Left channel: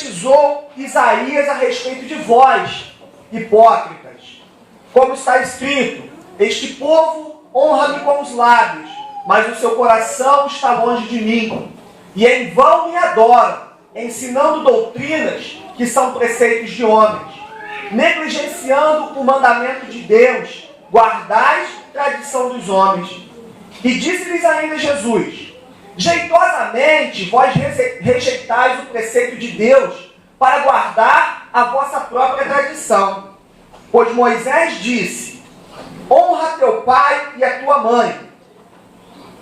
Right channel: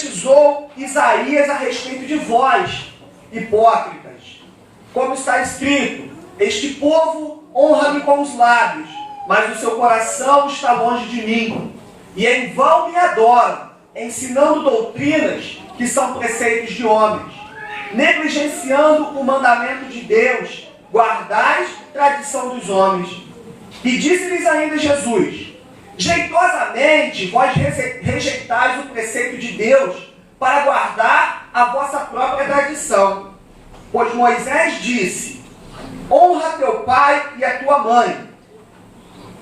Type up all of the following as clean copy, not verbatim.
profetizou Isaías a respeito de vós, hipócritas. Como está escrito: este povo honra-me com os lábios, mas o seu coração está longe de mim. E em vão me adoram, ensinando doutrinas que são preceitos de homens. Negligenciando o mandamento de Deus, guardais a tradição dos homens. E disse-lhes ainda Jesus: jeitosamente vós rejeitais o preceito de Deus para guardar a vossa própria tradição. Pois Moisés disse: honra teu pai e a tua mãe.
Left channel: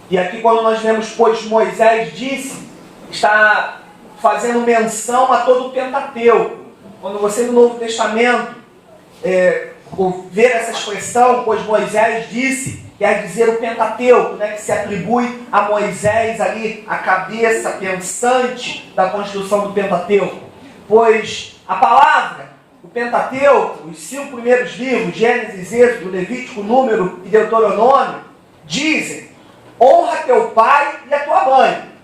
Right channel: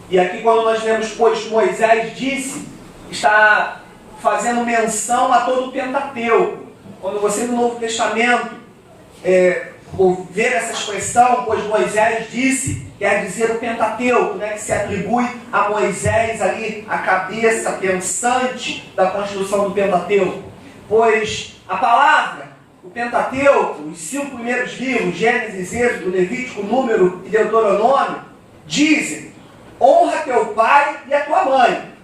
E aqui, quando nós lemos pois Moisés disse, está fazendo menção a todo o Pentateuco. Quando você no Novo Testamento ver essa expressão, pois Moisés disse, quer dizer o Pentateuco, né, que se atribui a Moisés ali, a cabeça pensante da construção do Pentateuco. Pois a palavra, o Pentateuco, os 5 primeiros livros, Gênesis, Êxodo, Levítico, Número e Deuteronômio, dizem: honra teu pai e a tua mãe.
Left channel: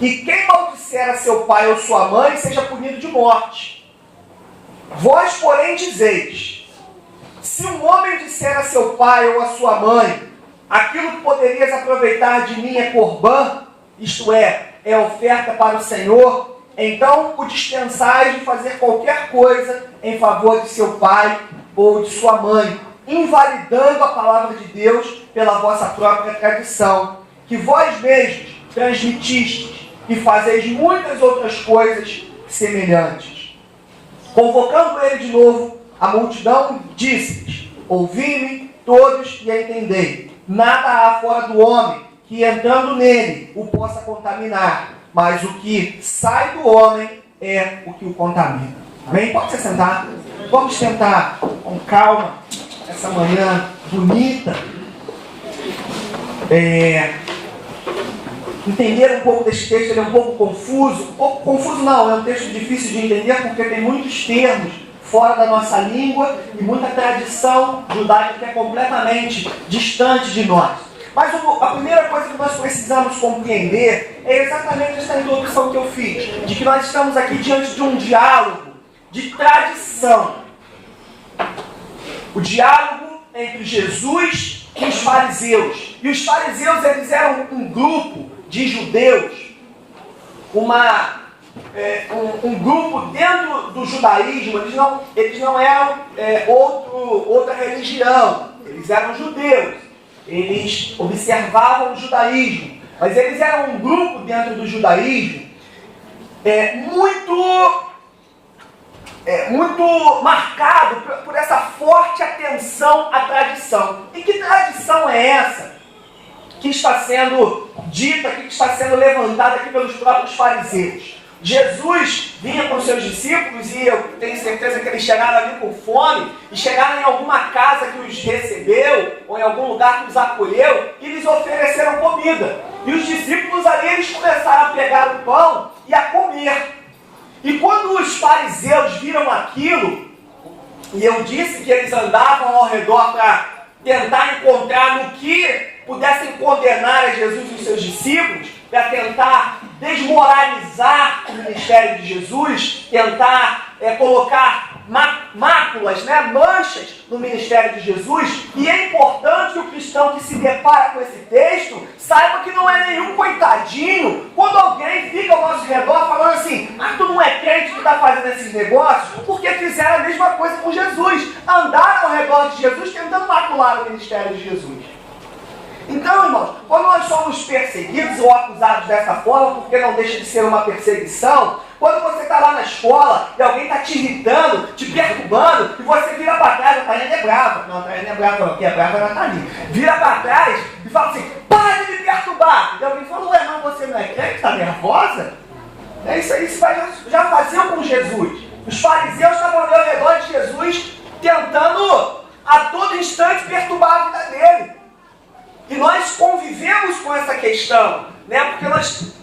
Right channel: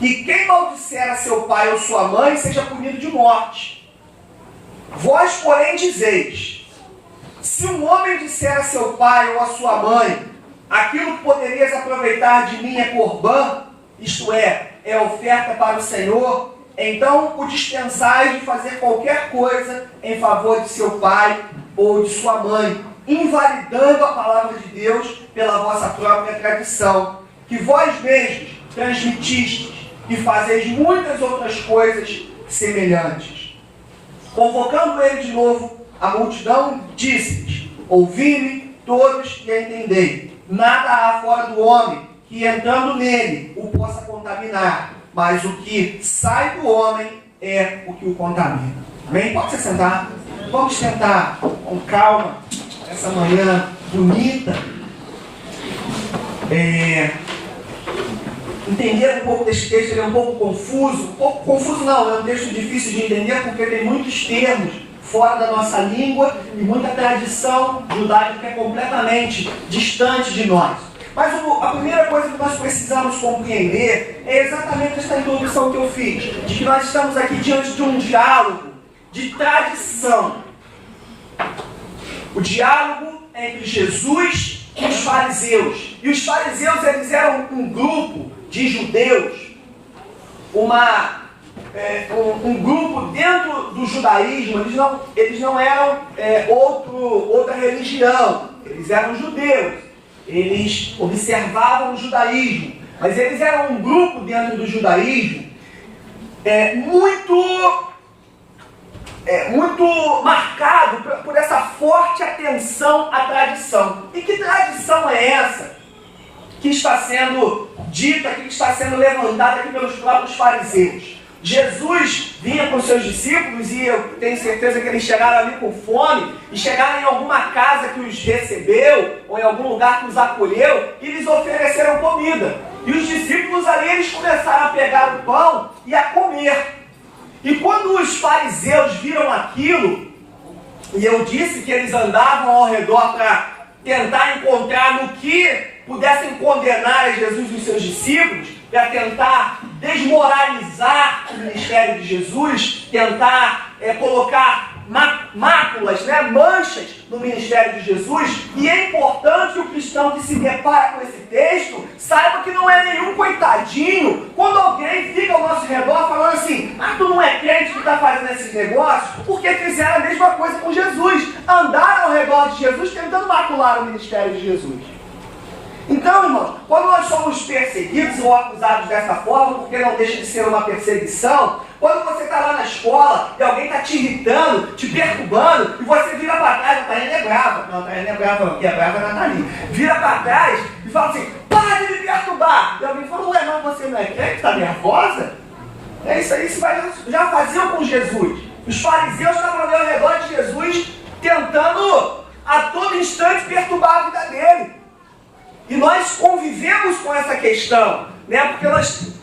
E quem maldisser a seu pai ou sua mãe, seja punido de morte. Vós, porém, dizeis: se um homem disser a seu pai ou a sua mãe, aquilo que poderias aproveitar de mim é corbã, isto é oferta para o Senhor, então o dispensais de fazer qualquer coisa em favor de seu pai ou de sua mãe, invalidando a palavra de Deus pela vossa própria tradição, que vós mesmos transmitistes, e fazeis muitas outras coisas semelhantes. Convocando ele de novo, a multidão disse-lhes: ouvi-me todos e entendei. Nada há fora do homem que, entrando nele, o possa contaminar, mas o que sai do homem é o que o contamina. Amém? Pode se sentar. Vamos tentar, com calma, essa manhã bonita, entender um pouco desse texto. Ele é um pouco confuso não, é um texto difícil de entender porque tem muitos termos fora da nossa língua e muita tradição judaica que é completamente distante de nós. Mas a primeira coisa que nós precisamos compreender é exatamente essa introdução que eu fiz, de que nós estamos aqui diante de um diálogo de tradição. O diálogo entre Jesus e os fariseus. E os fariseus, eles eram um grupo de judeus, um grupo dentro do judaísmo. Eles não eram outra religião, eles eram judeus, eles observavam o judaísmo, mas eles eram um grupo dentro do judaísmo muito marcado por essa forte atenção à tradição. E que tradição é essa que está sendo dita, que está sendo levantada aqui pelos próprios fariseus? Jesus vinha com seus discípulos e eu tenho certeza que eles chegaram ali com fome e chegaram em alguma casa que os recebeu ou em algum lugar que os acolheu e lhes ofereceram comida. E os discípulos ali, eles começaram a pegar o pão e a comer. E quando os fariseus viram aquilo, e eu disse que eles andavam ao redor para tentar encontrar no que pudessem condenar a Jesus e os seus discípulos, para tentar desmoralizar o ministério de Jesus, tentar colocar máculas, manchas no ministério de Jesus. E é importante que o cristão que se depara com esse texto saiba que não é nenhum coitadinho quando alguém fica ao nosso redor falando assim: tu não é crente que está fazendo esses negócios, porque fizeram a mesma coisa com Jesus, andaram ao redor de Jesus tentando macular o ministério de Jesus. Então, irmãos, quando nós somos perseguidos ou acusados dessa forma, porque não deixa de ser uma perseguição, quando você está lá na escola e alguém está te irritando, te perturbando, e você vira para trás, a Taiane é brava. Não, a Taiane é brava não, porque a brava é a Nathalie. Vira para trás e fala assim: para de me perturbar. E alguém fala: ué, não, você não é crente, está nervosa? É isso aí, isso já faziam com Jesus. Os fariseus estavam ali ao redor de Jesus, tentando a todo instante perturbar a vida dele. E nós convivemos com essa questão, porque nós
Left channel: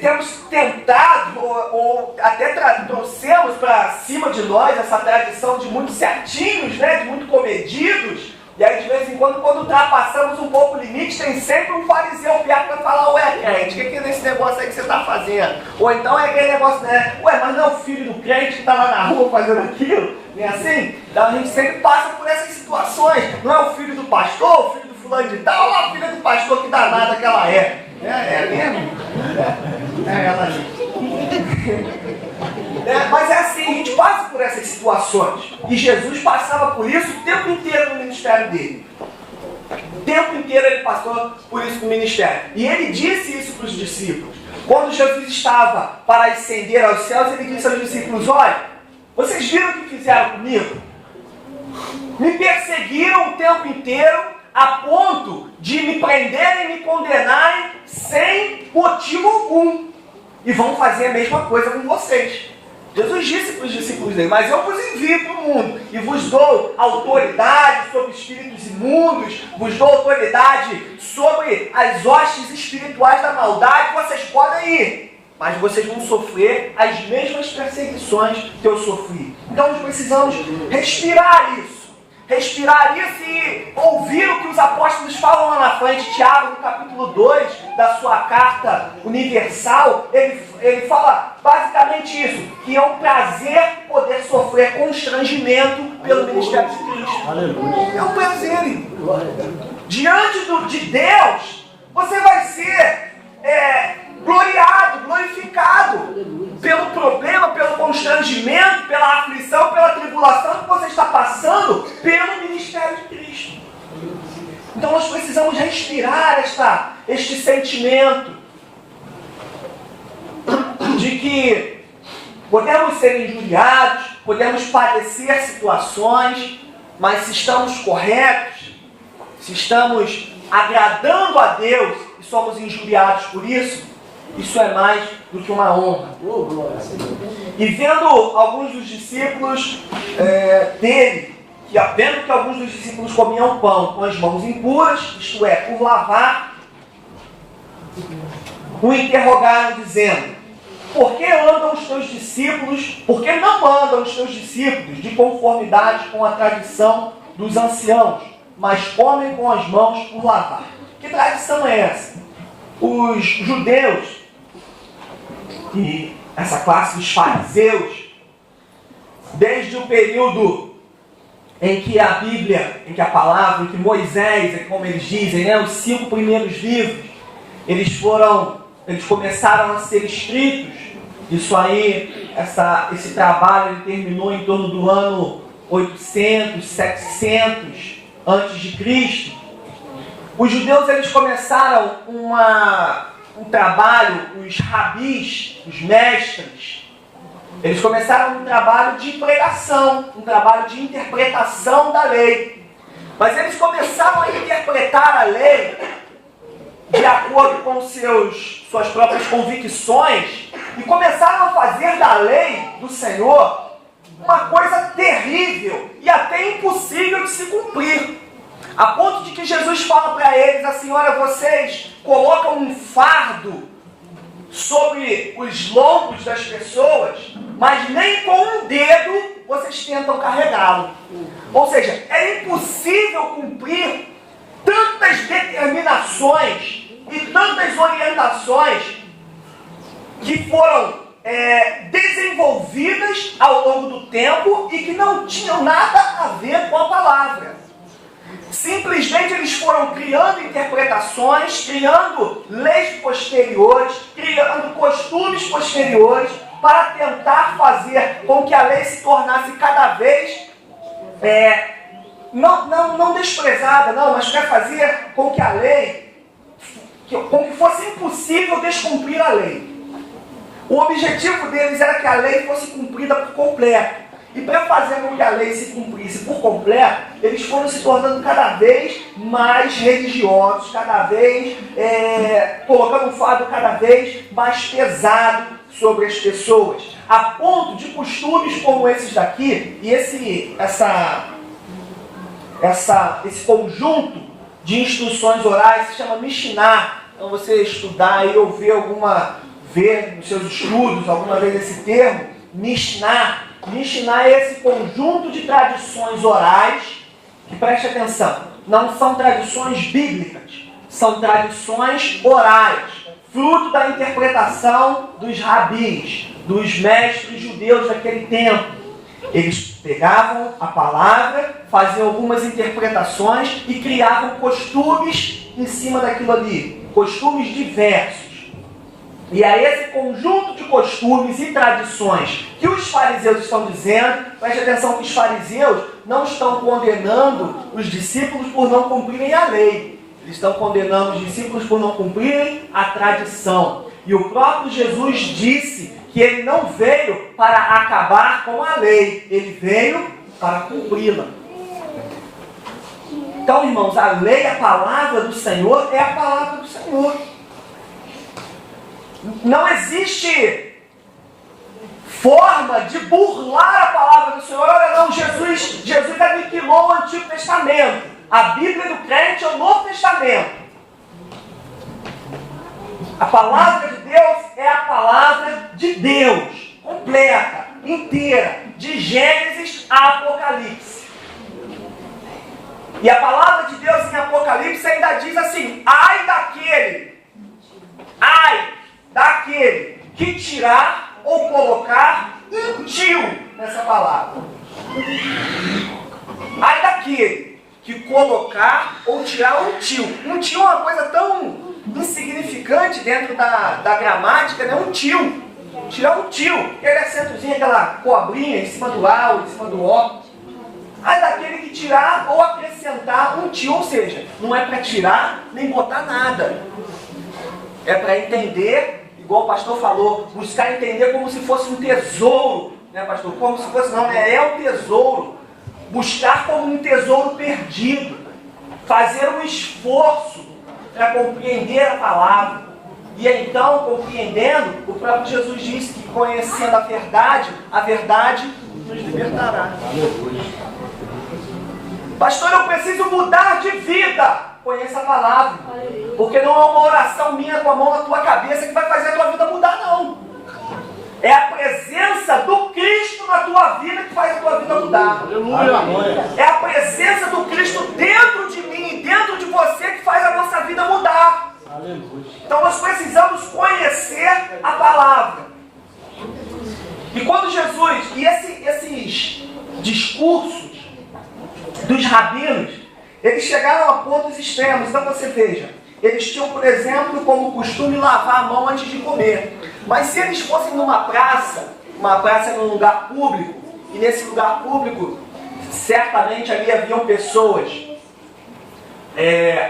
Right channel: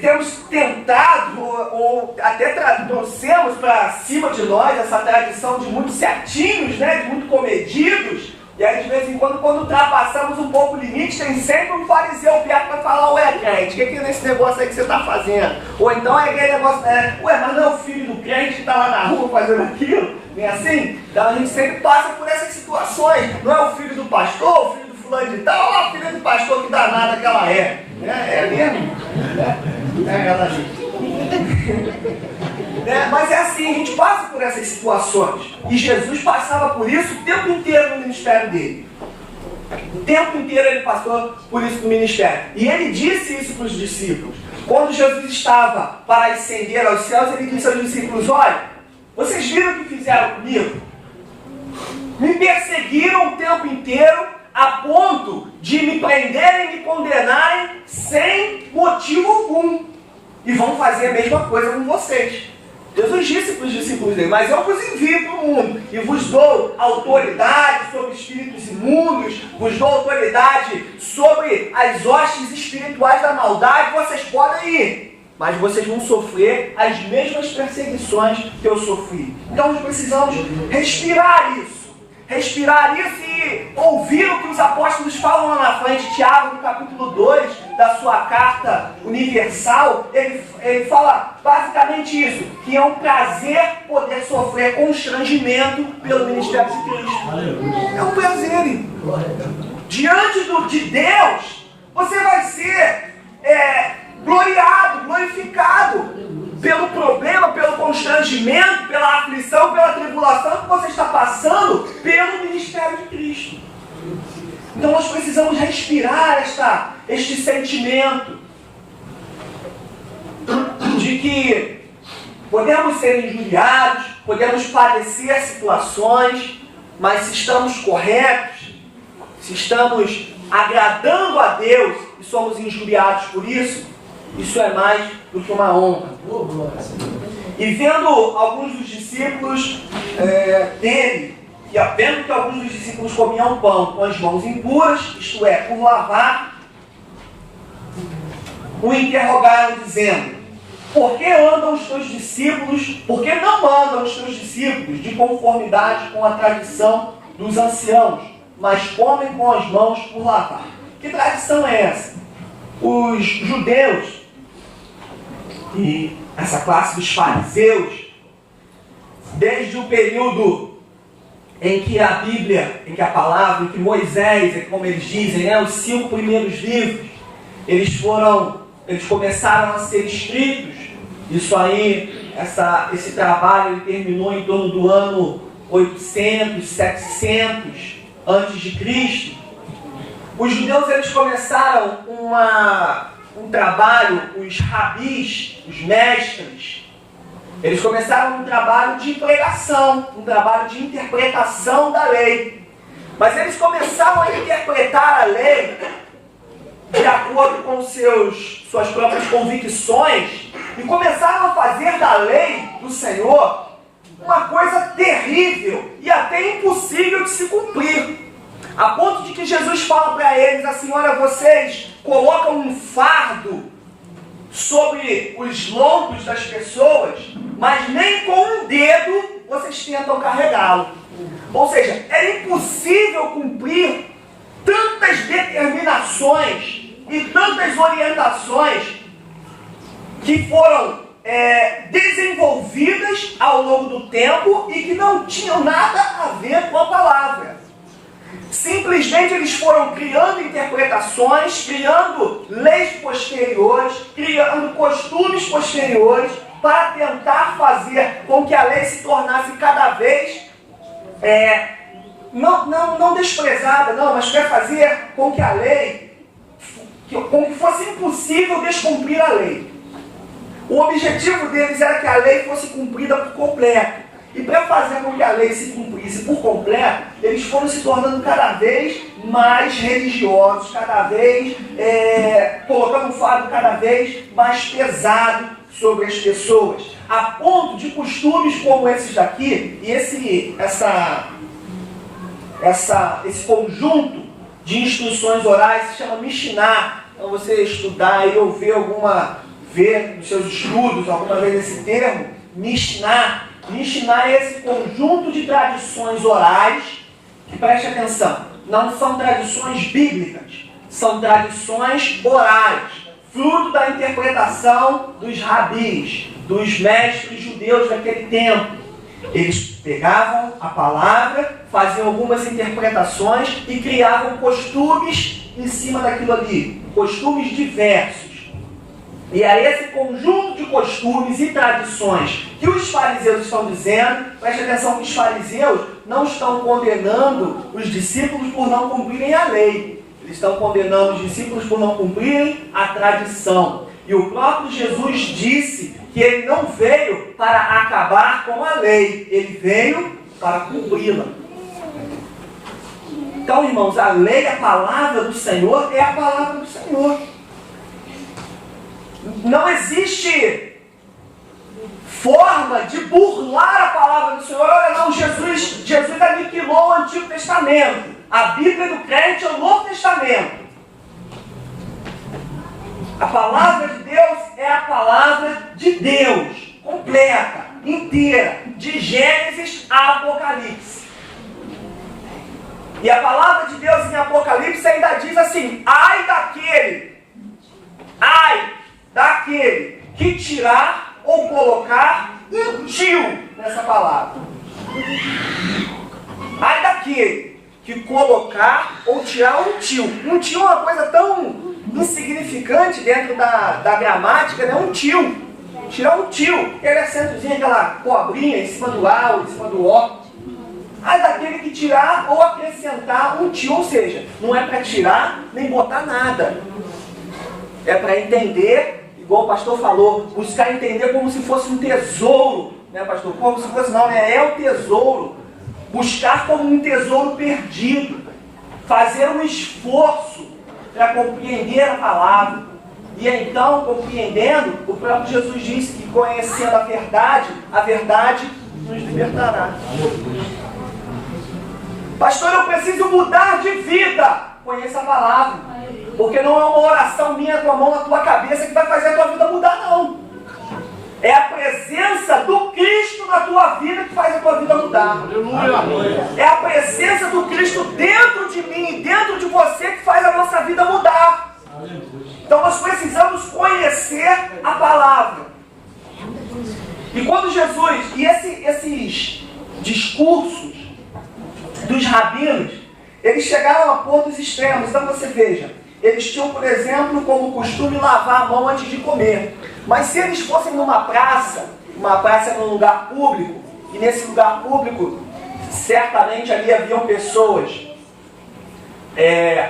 temos tentado, ou até trouxemos para cima de nós essa tradição de muito certinhos, de muito comedidos, E aí, de vez em quando ultrapassamos um pouco o limite, tem sempre um fariseu perto para falar, ué, crente, o que é nesse negócio aí que você está fazendo? Ou então é aquele negócio, né? Ué, mas não é o filho do crente que está lá na rua fazendo aquilo? Não é assim? Então a gente sempre passa por essas situações. Não é o filho do pastor, o filho do fulano de tal, ou a filha do pastor que danada que ela é. É mesmo? É ela ali. Mas é assim, a gente passa por essas situações. E Jesus passava por isso o tempo inteiro no ministério dele. O tempo inteiro ele passou por isso no ministério. E ele disse isso para os discípulos. Quando Jesus estava para ascender aos céus, ele disse aos discípulos, olha, vocês viram o que fizeram comigo? Me perseguiram o tempo inteiro a ponto de me prenderem e me condenarem sem motivo algum. E vão fazer a mesma coisa com vocês. Jesus disse para os discípulos dele, mas eu vos envio para o mundo e vos dou autoridade sobre espíritos imundos, vos dou autoridade sobre as hostes espirituais da maldade, vocês podem ir, mas vocês vão sofrer as mesmas perseguições que eu sofri. Então nós precisamos respirar isso e ouvir o que os apóstolos falam lá na frente. Tiago, no capítulo 2 da sua carta universal, ele fala basicamente isso, que é um prazer poder sofrer constrangimento pelo ministério de Cristo. Aleluia. É um prazer. Diante de Deus, você vai ser glorificado pelo problema, pelo constrangimento, pela aflição, pela tribulação que você está passando pelo ministério de Cristo. Então nós precisamos respirar este sentimento de que podemos ser injuriados, podemos padecer situações, mas se estamos corretos, se estamos agradando a Deus e somos injuriados por isso, isso é mais do que uma honra. E vendo alguns dos discípulos dele, vendo que alguns dos discípulos comiam pão com as mãos impuras, isto é, por lavar, o interrogaram dizendo, por que não andam os teus discípulos de conformidade com a tradição dos anciãos, mas comem com as mãos por lavar? Que tradição é essa? Os judeus e essa classe dos fariseus, desde o período em que a Bíblia, em que a palavra, em que Moisés, como eles dizem, os 5 primeiros livros, eles começaram a ser escritos. Isso aí, esse trabalho ele terminou em torno do ano 800, 700 antes de Cristo. Os judeus eles começaram um trabalho, os rabis, os mestres, eles começaram um trabalho de pregação, um trabalho de interpretação da lei. Mas eles começaram a interpretar a lei de acordo com suas próprias convicções e começaram a fazer da lei do Senhor uma coisa terrível e até impossível de se cumprir. A ponto de que Jesus fala para eles assim, olha, vocês colocam um fardo sobre os lombos das pessoas, mas nem com um dedo vocês tentam carregá-lo. Ou seja, era impossível cumprir tantas determinações e tantas orientações que foram desenvolvidas ao longo do tempo e que não tinham nada a ver com a palavra. Simplesmente eles foram criando interpretações, criando leis posteriores, criando costumes posteriores para tentar fazer com que a lei se tornasse cada vez não desprezada, mas quer fazer com que a lei, com que fosse impossível descumprir a lei. O objetivo deles era que a lei fosse cumprida por completo. E para fazer com que a lei se cumprisse por completo, eles foram se tornando cada vez mais religiosos, cada vez colocando um fardo cada vez mais pesado sobre as pessoas, a ponto de costumes como esses daqui, e esse conjunto de instruções orais se chama Mishnah. Então você estudar e ou ver nos seus estudos alguma vez esse termo, Mishnah. Mishnah é esse conjunto de tradições orais que preste atenção, não são tradições bíblicas, são tradições orais, fruto da interpretação dos rabis, dos mestres judeus daquele tempo. Eles pegavam a palavra, faziam algumas interpretações e criavam costumes em cima daquilo ali, costumes diversos. E é esse conjunto de costumes e tradições que os fariseus estão dizendo. Preste atenção que os fariseus não estão condenando os discípulos por não cumprirem a lei. Eles estão condenando os discípulos por não cumprirem a tradição. E o próprio Jesus disse que ele não veio para acabar com a lei, ele veio para cumpri-la. Então, irmãos, a lei, a palavra do Senhor, é a palavra do Senhor. Não existe forma de burlar a palavra do Senhor. Olha, não, Jesus aniquilou o Antigo Testamento. A Bíblia do crente é o Novo Testamento. A palavra de Deus é a palavra de Deus, completa, inteira, de Gênesis a Apocalipse. E a palavra de Deus em Apocalipse ainda diz assim: ai daquele que tirar ou colocar um tio nessa palavra. Ai daquele que colocar ou tirar um tio. Um tio é uma coisa tão insignificante dentro da gramática, né? Um tio. Tirar um tio. Aquele acentozinho, aquela cobrinha em cima do A ou em cima do O. Ai daquele que tirar ou acrescentar um tio. Ou seja, não é para tirar nem botar nada. É para entender, igual o pastor falou, buscar entender como se fosse um tesouro, né, pastor? Como se fosse, não, né? É o tesouro. Buscar como um tesouro perdido. Fazer um esforço para compreender a palavra. E então, compreendendo, o próprio Jesus disse que conhecendo a verdade nos libertará. Pastor, eu preciso mudar de vida. Conheça a palavra. Porque não é uma oração minha com a mão na tua cabeça que vai fazer a tua vida mudar, não. É a presença do Cristo na tua vida que faz a tua vida mudar. É a presença do Cristo dentro de mim e dentro de você que faz a nossa vida mudar. Então nós precisamos conhecer a palavra. E quando Jesus, e esses discursos dos rabinos, eles chegaram a pontos extremos. Então você veja, eles tinham, por exemplo, como costume lavar a mão antes de comer. Mas se eles fossem numa praça num lugar público, e nesse lugar público, certamente ali haviam pessoas,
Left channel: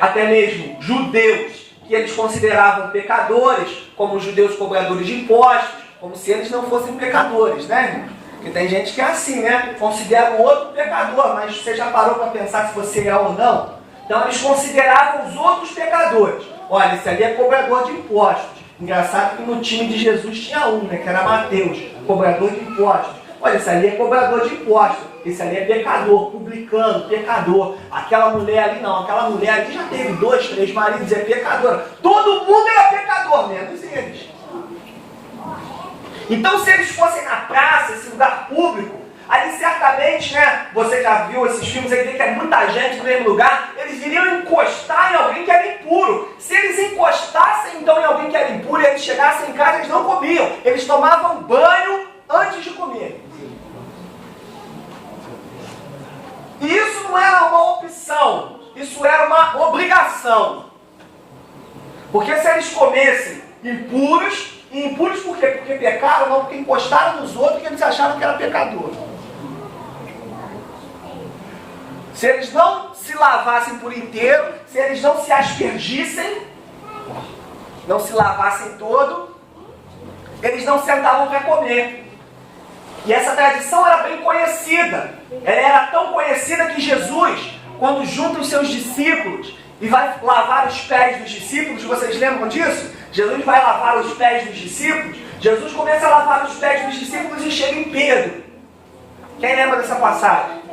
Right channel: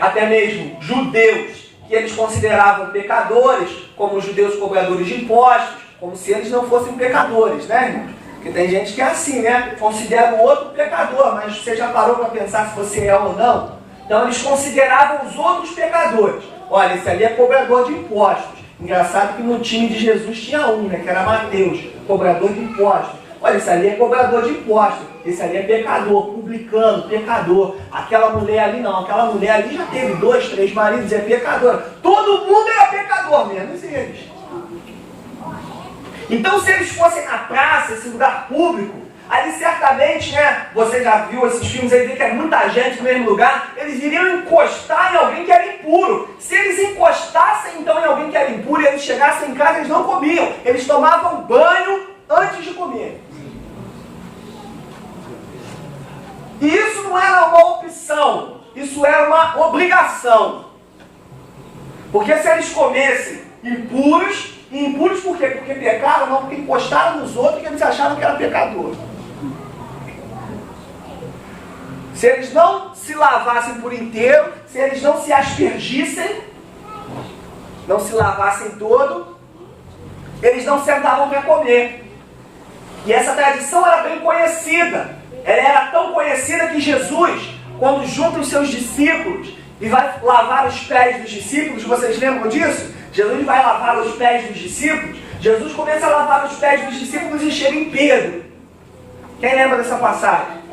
até mesmo judeus, que eles consideravam pecadores, como os judeus cobradores de impostos, como se eles não fossem pecadores, né, irmãos? Porque tem gente que é assim, né? Considera o outro pecador, mas você já parou para pensar se você é ou não? Então eles consideravam os outros pecadores. Olha, esse ali é cobrador de impostos. Engraçado que no time de Jesus tinha um, né? Que era Mateus, cobrador de impostos. Olha, esse ali é cobrador de impostos. Esse ali é pecador, publicano, pecador. Aquela mulher ali não, aquela mulher ali já teve 2, 3 maridos, é pecadora. Todo mundo era pecador, menos eles. Então, se eles fossem na praça, esse lugar público, ali certamente, né, você já viu esses filmes aí, vê que é muita gente no mesmo lugar, eles iriam encostar em alguém que era impuro. Se eles encostassem então em alguém que era impuro e eles chegassem em casa, eles não comiam. Eles tomavam banho antes de comer. E isso não era uma opção, isso era uma obrigação. Porque se eles comessem impuros, e impuros por quê? Porque pecaram? Não, porque encostaram nos outros e eles acharam que era pecador. Se eles não se lavassem por inteiro, se eles não se aspergissem, não se lavassem todo, eles não sentavam para comer. E essa tradição era bem conhecida. Ela era tão conhecida que Jesus, quando junta os seus discípulos e vai lavar os pés dos discípulos, vocês lembram disso? Jesus vai lavar os pés dos discípulos. Jesus começa a lavar os pés dos discípulos e chega em Pedro. Quem lembra dessa passagem?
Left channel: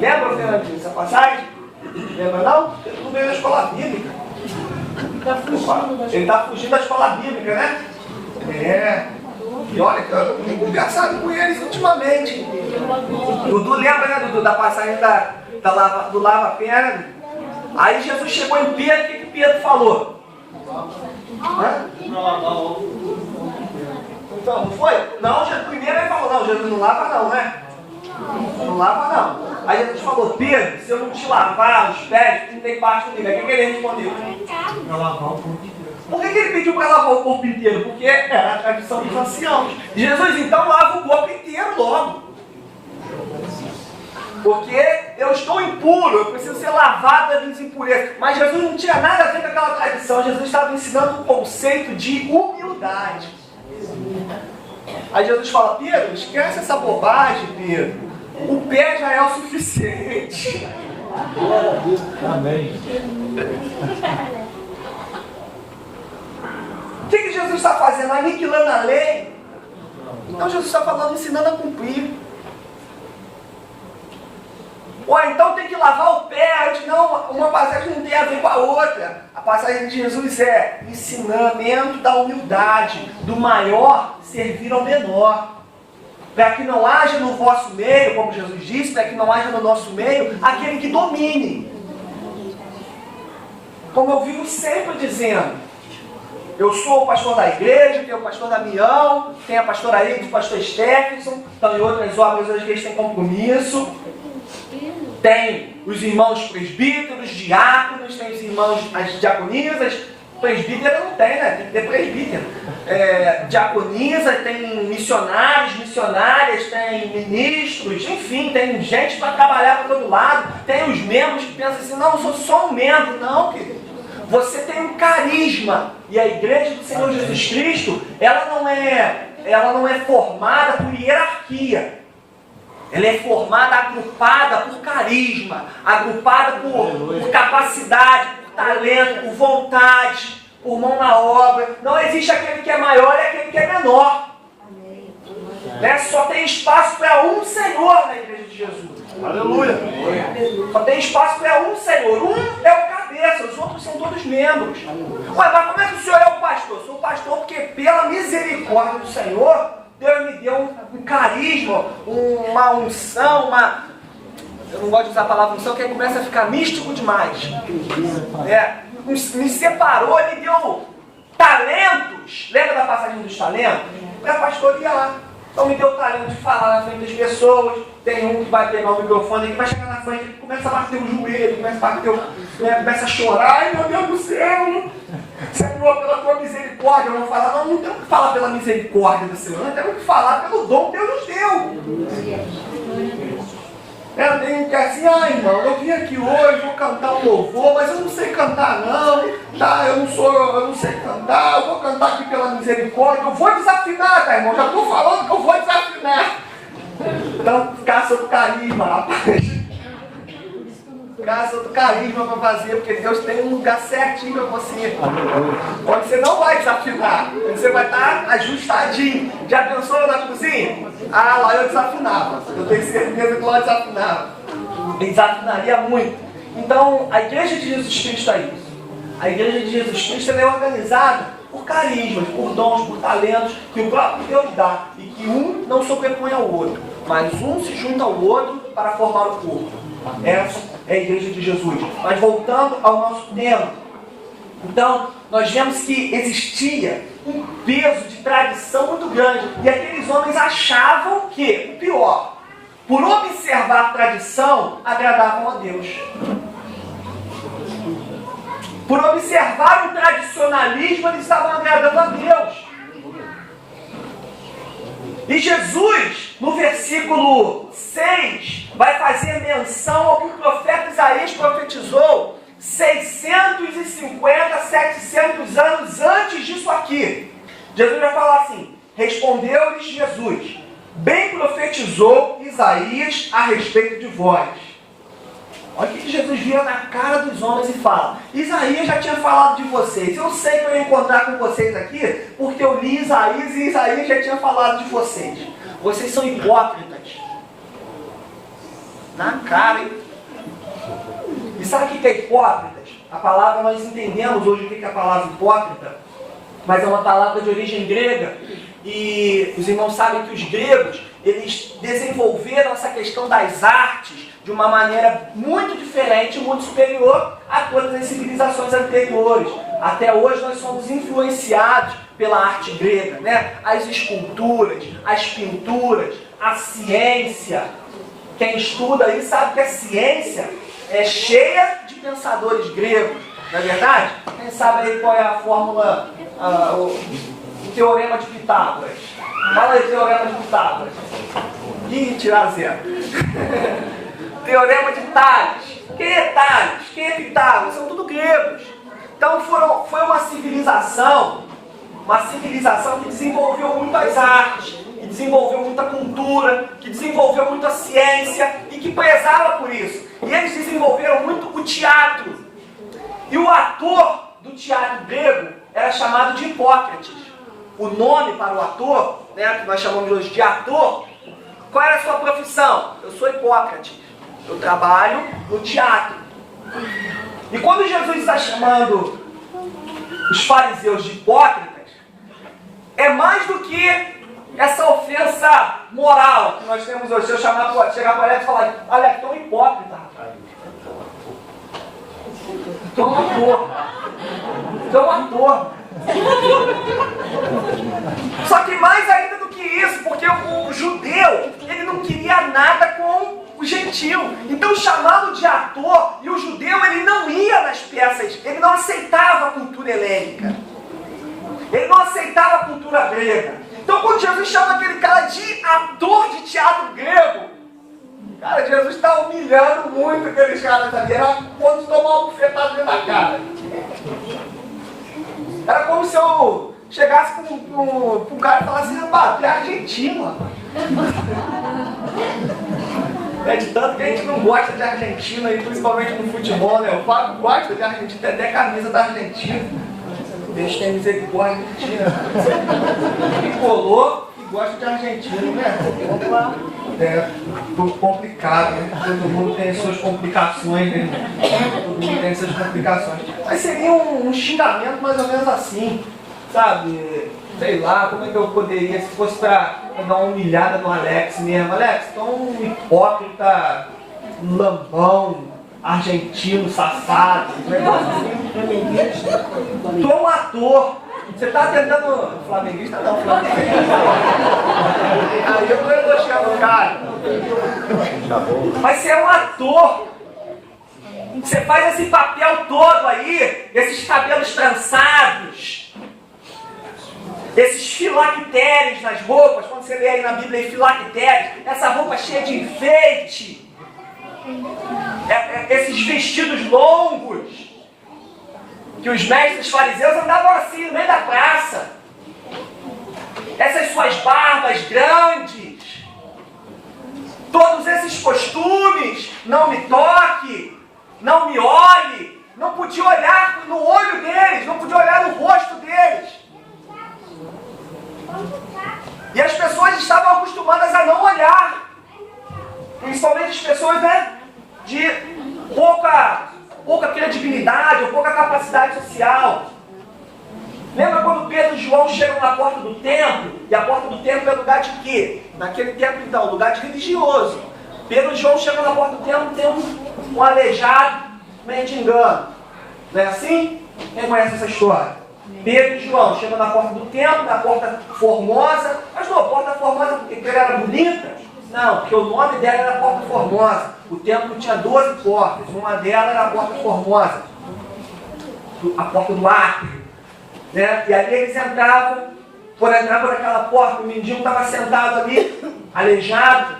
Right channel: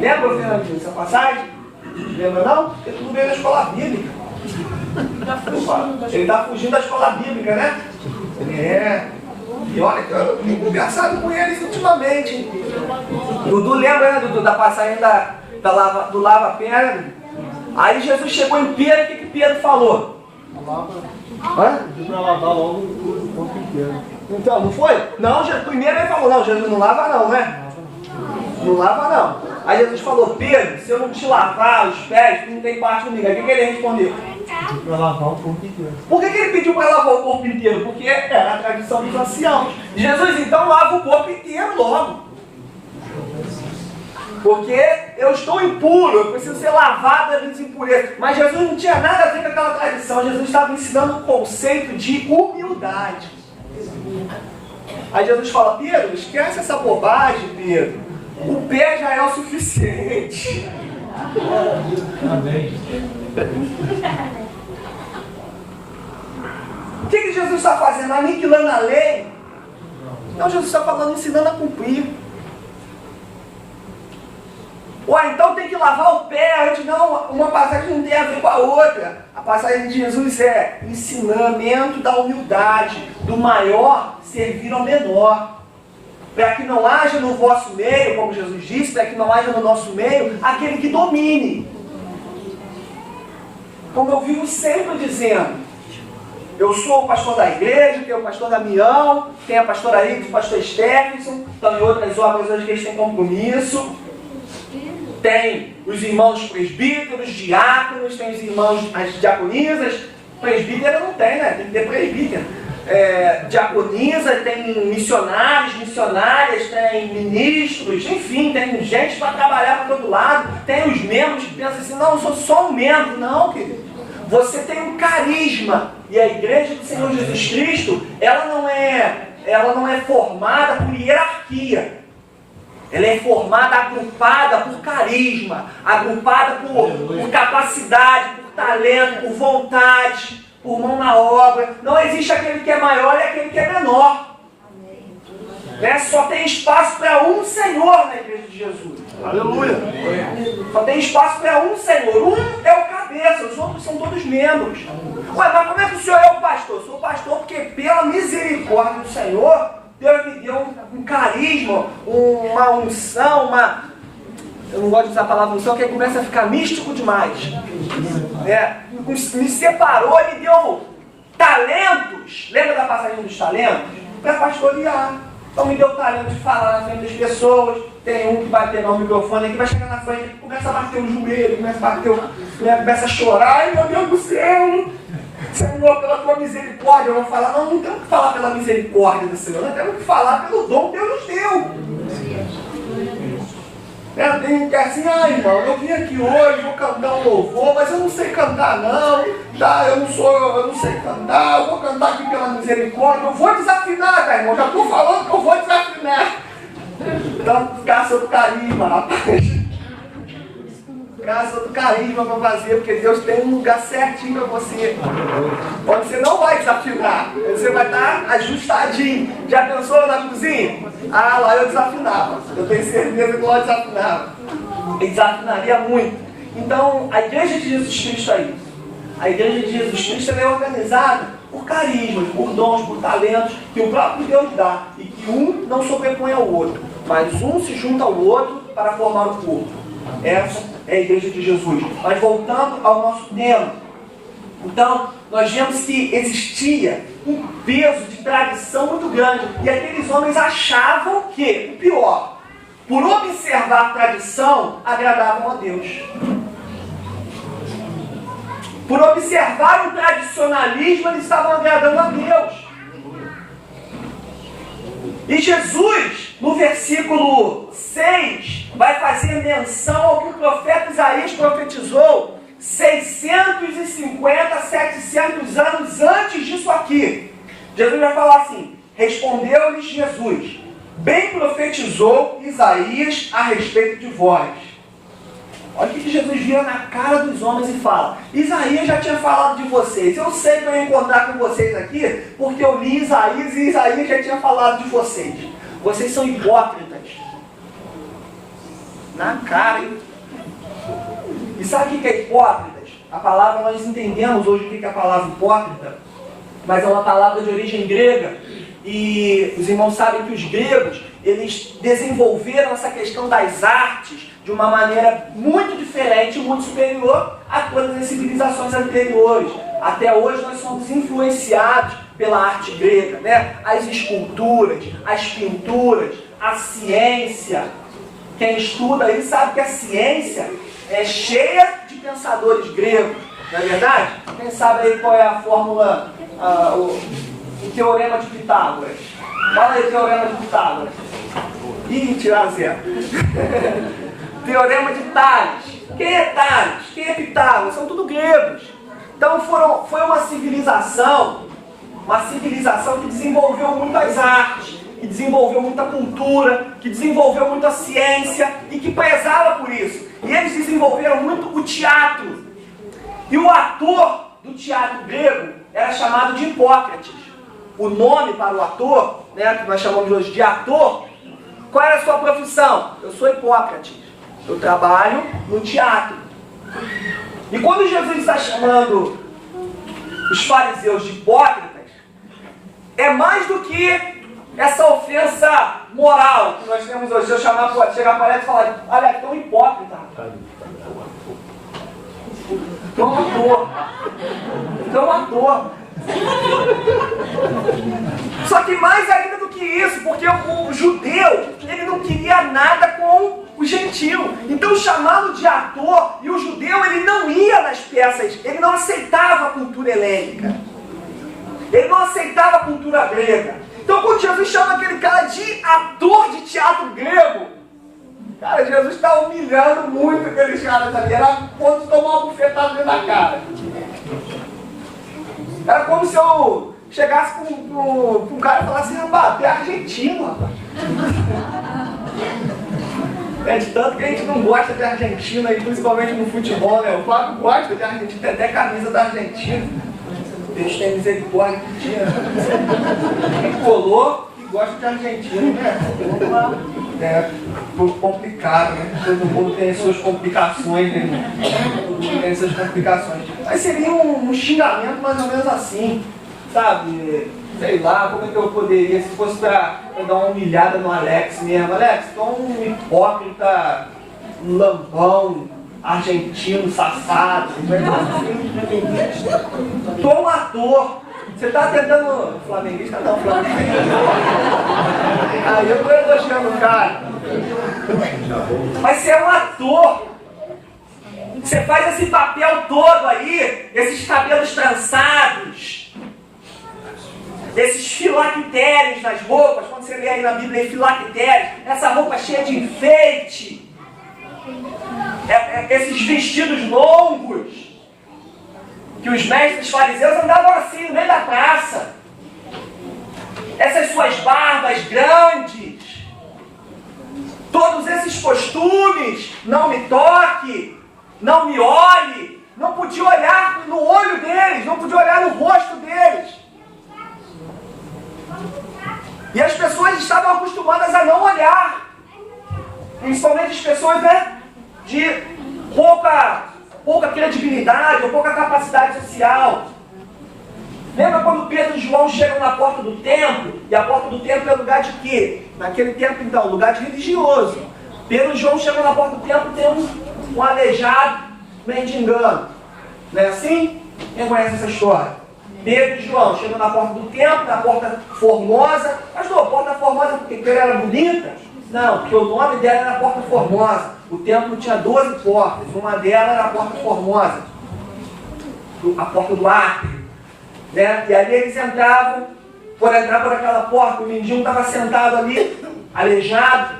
Lembra, Fernandinho, dessa passagem? Lembra não? Porque tudo veio da escola bíblica. Ele está fugindo da escola bíblica, né? E olha, eu tenho conversado com eles ultimamente. Dudu lembra, né, Dudu, da passagem do lava-pedra. Aí Jesus chegou em Pedro, o que Pedro falou? Para lavar logo o corpo inteiro. Então, não foi? Não, primeiro ele falou, não, Jesus não lava não, né? Não lava não. Aí Jesus falou, Pedro, se eu não te lavar os pés, tu não tem parte comigo. Aí o que ele respondeu? Para lavar o corpo inteiro. Por que ele pediu para lavar o corpo inteiro? Porque era a tradição dos anciãos. Jesus então lava o corpo inteiro logo. Porque eu estou impuro, eu preciso ser lavado das minhas impurezas. Mas Jesus não tinha nada a ver com aquela tradição. Jesus estava ensinando o conceito de humildade. Aí Jesus fala, Pedro, esquece essa bobagem, Pedro. O pé já é o suficiente. Amém. O que Jesus está fazendo? Aniquilando a lei? Não, Jesus está falando, ensinando a cumprir. Ou então tem que lavar o pé antes. Não, uma passagem não tem a ver com a outra. A passagem de Jesus é ensinamento da humildade, do maior servir ao menor. Para que não haja no vosso meio, como Jesus disse, para que não haja no nosso meio aquele que domine. Como eu vivo sempre dizendo, eu sou o pastor da igreja, tenho o pastor Damião, tem a pastora Aide, o pastor Stephenson, estão em outras obras hoje que eles têm compromisso. Tem os irmãos presbíteros, diáconos, tem os irmãos, as diaconisas. Presbítero não tem, né? Tem que ter presbítero. Diaconisa, tem missionários, missionárias, tem ministros, enfim, tem gente para trabalhar para todo lado. Tem os membros que pensam assim, não, eu sou só um membro. Não, querido. Você tem um carisma. E a igreja do Senhor Jesus Cristo, ela não é formada por hierarquia. Ela é formada, agrupada por carisma, agrupada por capacidade, por talento, por vontade, por mão na obra. Não existe aquele que é maior e aquele que é menor. Né? Só tem espaço para um Senhor na igreja de Jesus. Aleluia. Só tem espaço para um Senhor. Um é o cabeça, os outros são todos membros. Ué, mas como é que o Senhor é o pastor? Eu sou o pastor porque pela misericórdia do Senhor, Deus me deu um carisma, uma unção, eu não gosto de usar a palavra unção, porque aí começa a ficar místico demais. Me separou, me deu talentos. Lembra da passagem dos talentos? Para pastorear. Então me deu o talento de falar na frente das pessoas. Tem um que vai pegar o microfone, que vai chegar na frente, que começa a bater o joelho, começa a chorar. Ai, meu Deus do céu! Senhor, pela tua misericórdia, eu vou falar. Não temos que falar pela misericórdia do Senhor, nós temos que falar pelo dom que Deus nos deu. Eu tenho que assim, irmão, eu vim aqui hoje, vou cantar um louvor, mas eu não sei cantar não, tá? Eu não sei cantar, eu vou cantar aqui pela misericórdia, eu vou desafinar, tá, irmão? Já estou falando que eu vou desafinar. Então, caça outro carisma, rapaz. Caça outro carisma para fazer, porque Deus tem um lugar certinho para você. Onde você não vai desafinar, onde você vai estar ajustadinho. Já pensou na cozinha? Lá eu desafinava. Eu tenho certeza que eu desafinava. Eu desafinaria muito. Então, a igreja de Jesus Cristo é isso. A igreja de Jesus Cristo é organizada por carismas, por dons, por talentos que o próprio Deus dá. E que um não sobrepõe ao outro, mas um se junta ao outro para formar o corpo. Essa é a igreja de Jesus. Mas voltando ao nosso tema, então nós vemos que existia um peso de tradição muito grande, e aqueles homens achavam que, o pior, por observar a tradição, agradavam a Deus. Por observar o tradicionalismo, eles estavam agradando a Deus. E Jesus, no versículo 6, vai fazer menção ao que o profeta Isaías profetizou 650, 700 anos antes disso aqui. Jesus vai falar assim: respondeu-lhes Jesus, bem profetizou Isaías a respeito de vós. Olha o que Jesus vira na cara dos homens e fala: Isaías já tinha falado de vocês. Eu sei que eu ia encontrar com vocês aqui, porque eu li Isaías e Isaías já tinha falado de vocês. Vocês são hipócritas. Na cara, hein? E sabe o que é hipócritas? A palavra, nós entendemos hoje o que é a palavra hipócrita, mas é uma palavra de origem grega, E os irmãos sabem que os gregos, eles desenvolveram essa questão das artes de uma maneira muito diferente, muito superior a todas as civilizações anteriores. Até hoje nós somos influenciados pela arte grega, né? As esculturas, as pinturas, a ciência. Quem estuda aí sabe que a ciência é cheia de pensadores gregos, não é verdade? Quem sabe aí qual é a fórmula, o teorema de Pitágoras? Fala aí o teorema de Pitágoras. Ih, tirar zero. Teorema de Tales. Quem é Tales? Quem é Pitágoras? São tudo gregos. Então foi uma civilização que desenvolveu muitas artes, que desenvolveu muita cultura, que desenvolveu muita ciência e que prezava por isso. E eles desenvolveram muito o teatro. E o ator do teatro grego era chamado de Hipócrates. O nome para o ator, né, que nós chamamos hoje de ator, qual era a sua profissão? Eu sou Hipócrates. Eu trabalho no teatro. E quando Jesus está chamando os fariseus de hipócritas, é mais do que essa ofensa moral que nós temos hoje. Se eu chegar para ela e falar, olha, tu é um hipócrita, rapaz. Tu é um ator. Tu é um ator. Só que mais ainda do que isso, porque o judeu, ele não queria nada com o gentil. Então chamá-lo de ator, e o judeu, ele não ia nas peças, ele não aceitava a cultura helênica. Ele não aceitava a cultura grega. Então quando Jesus chama aquele cara de ator de teatro grego, cara, Jesus está humilhando muito aqueles caras ali. Era quando tomar uma bufetada dentro da cara. Era como se eu chegasse com um cara e falasse, rapaz, tu é argentino, rapaz. É de tanto que a gente não gosta de Argentina, e principalmente no futebol, né? O Fábio gosta de Argentina, tem até camisa da Argentina. Deus tem misericórdia de Argentina. Me colou e gosta de Argentina, né? É complicado, né? Todo mundo tem suas complicações, né? Tem suas complicações. Mas seria um xingamento mais ou menos assim, sabe? Sei lá, como é que eu poderia, se fosse para dar uma humilhada no Alex mesmo. Alex, tu é um hipócrita, lambão, argentino, safado. Tu é um ator. Você está tentando... Flamenguista não, flamenguista. Aí eu estou elogiando o cara. Mas você é um ator. Você faz esse papel todo aí, esses cabelos trançados, esses filactérios nas roupas, quando você lê aí na Bíblia filactérios, essa roupa cheia de enfeite, esses vestidos longos, que os mestres fariseus andavam assim no meio da praça, essas suas barbas grandes, todos esses costumes, não me toque, não me olhe, não podia olhar no olho deles, não podia olhar no rosto deles. E as pessoas estavam acostumadas a não olhar, principalmente as pessoas, né, de pouca credibilidade ou pouca capacidade social. Lembra quando Pedro e João chegam na porta do templo? E a porta do templo é lugar de quê? Naquele tempo, então, lugar de religioso. Pedro e João chegam na porta do templo, tem um aleijado mendigando. Não é assim? Quem conhece essa história? Pedro e João chegam na porta do templo, na porta formosa. Mas não, porta formosa porque ela era bonita? Não, porque o nome dela era Porta Formosa. O templo tinha 12 portas. Uma delas era a Porta Formosa, a porta do átrio, né? E ali eles entravam. Por entrar por aquela porta, o mendigo estava sentado ali, aleijado,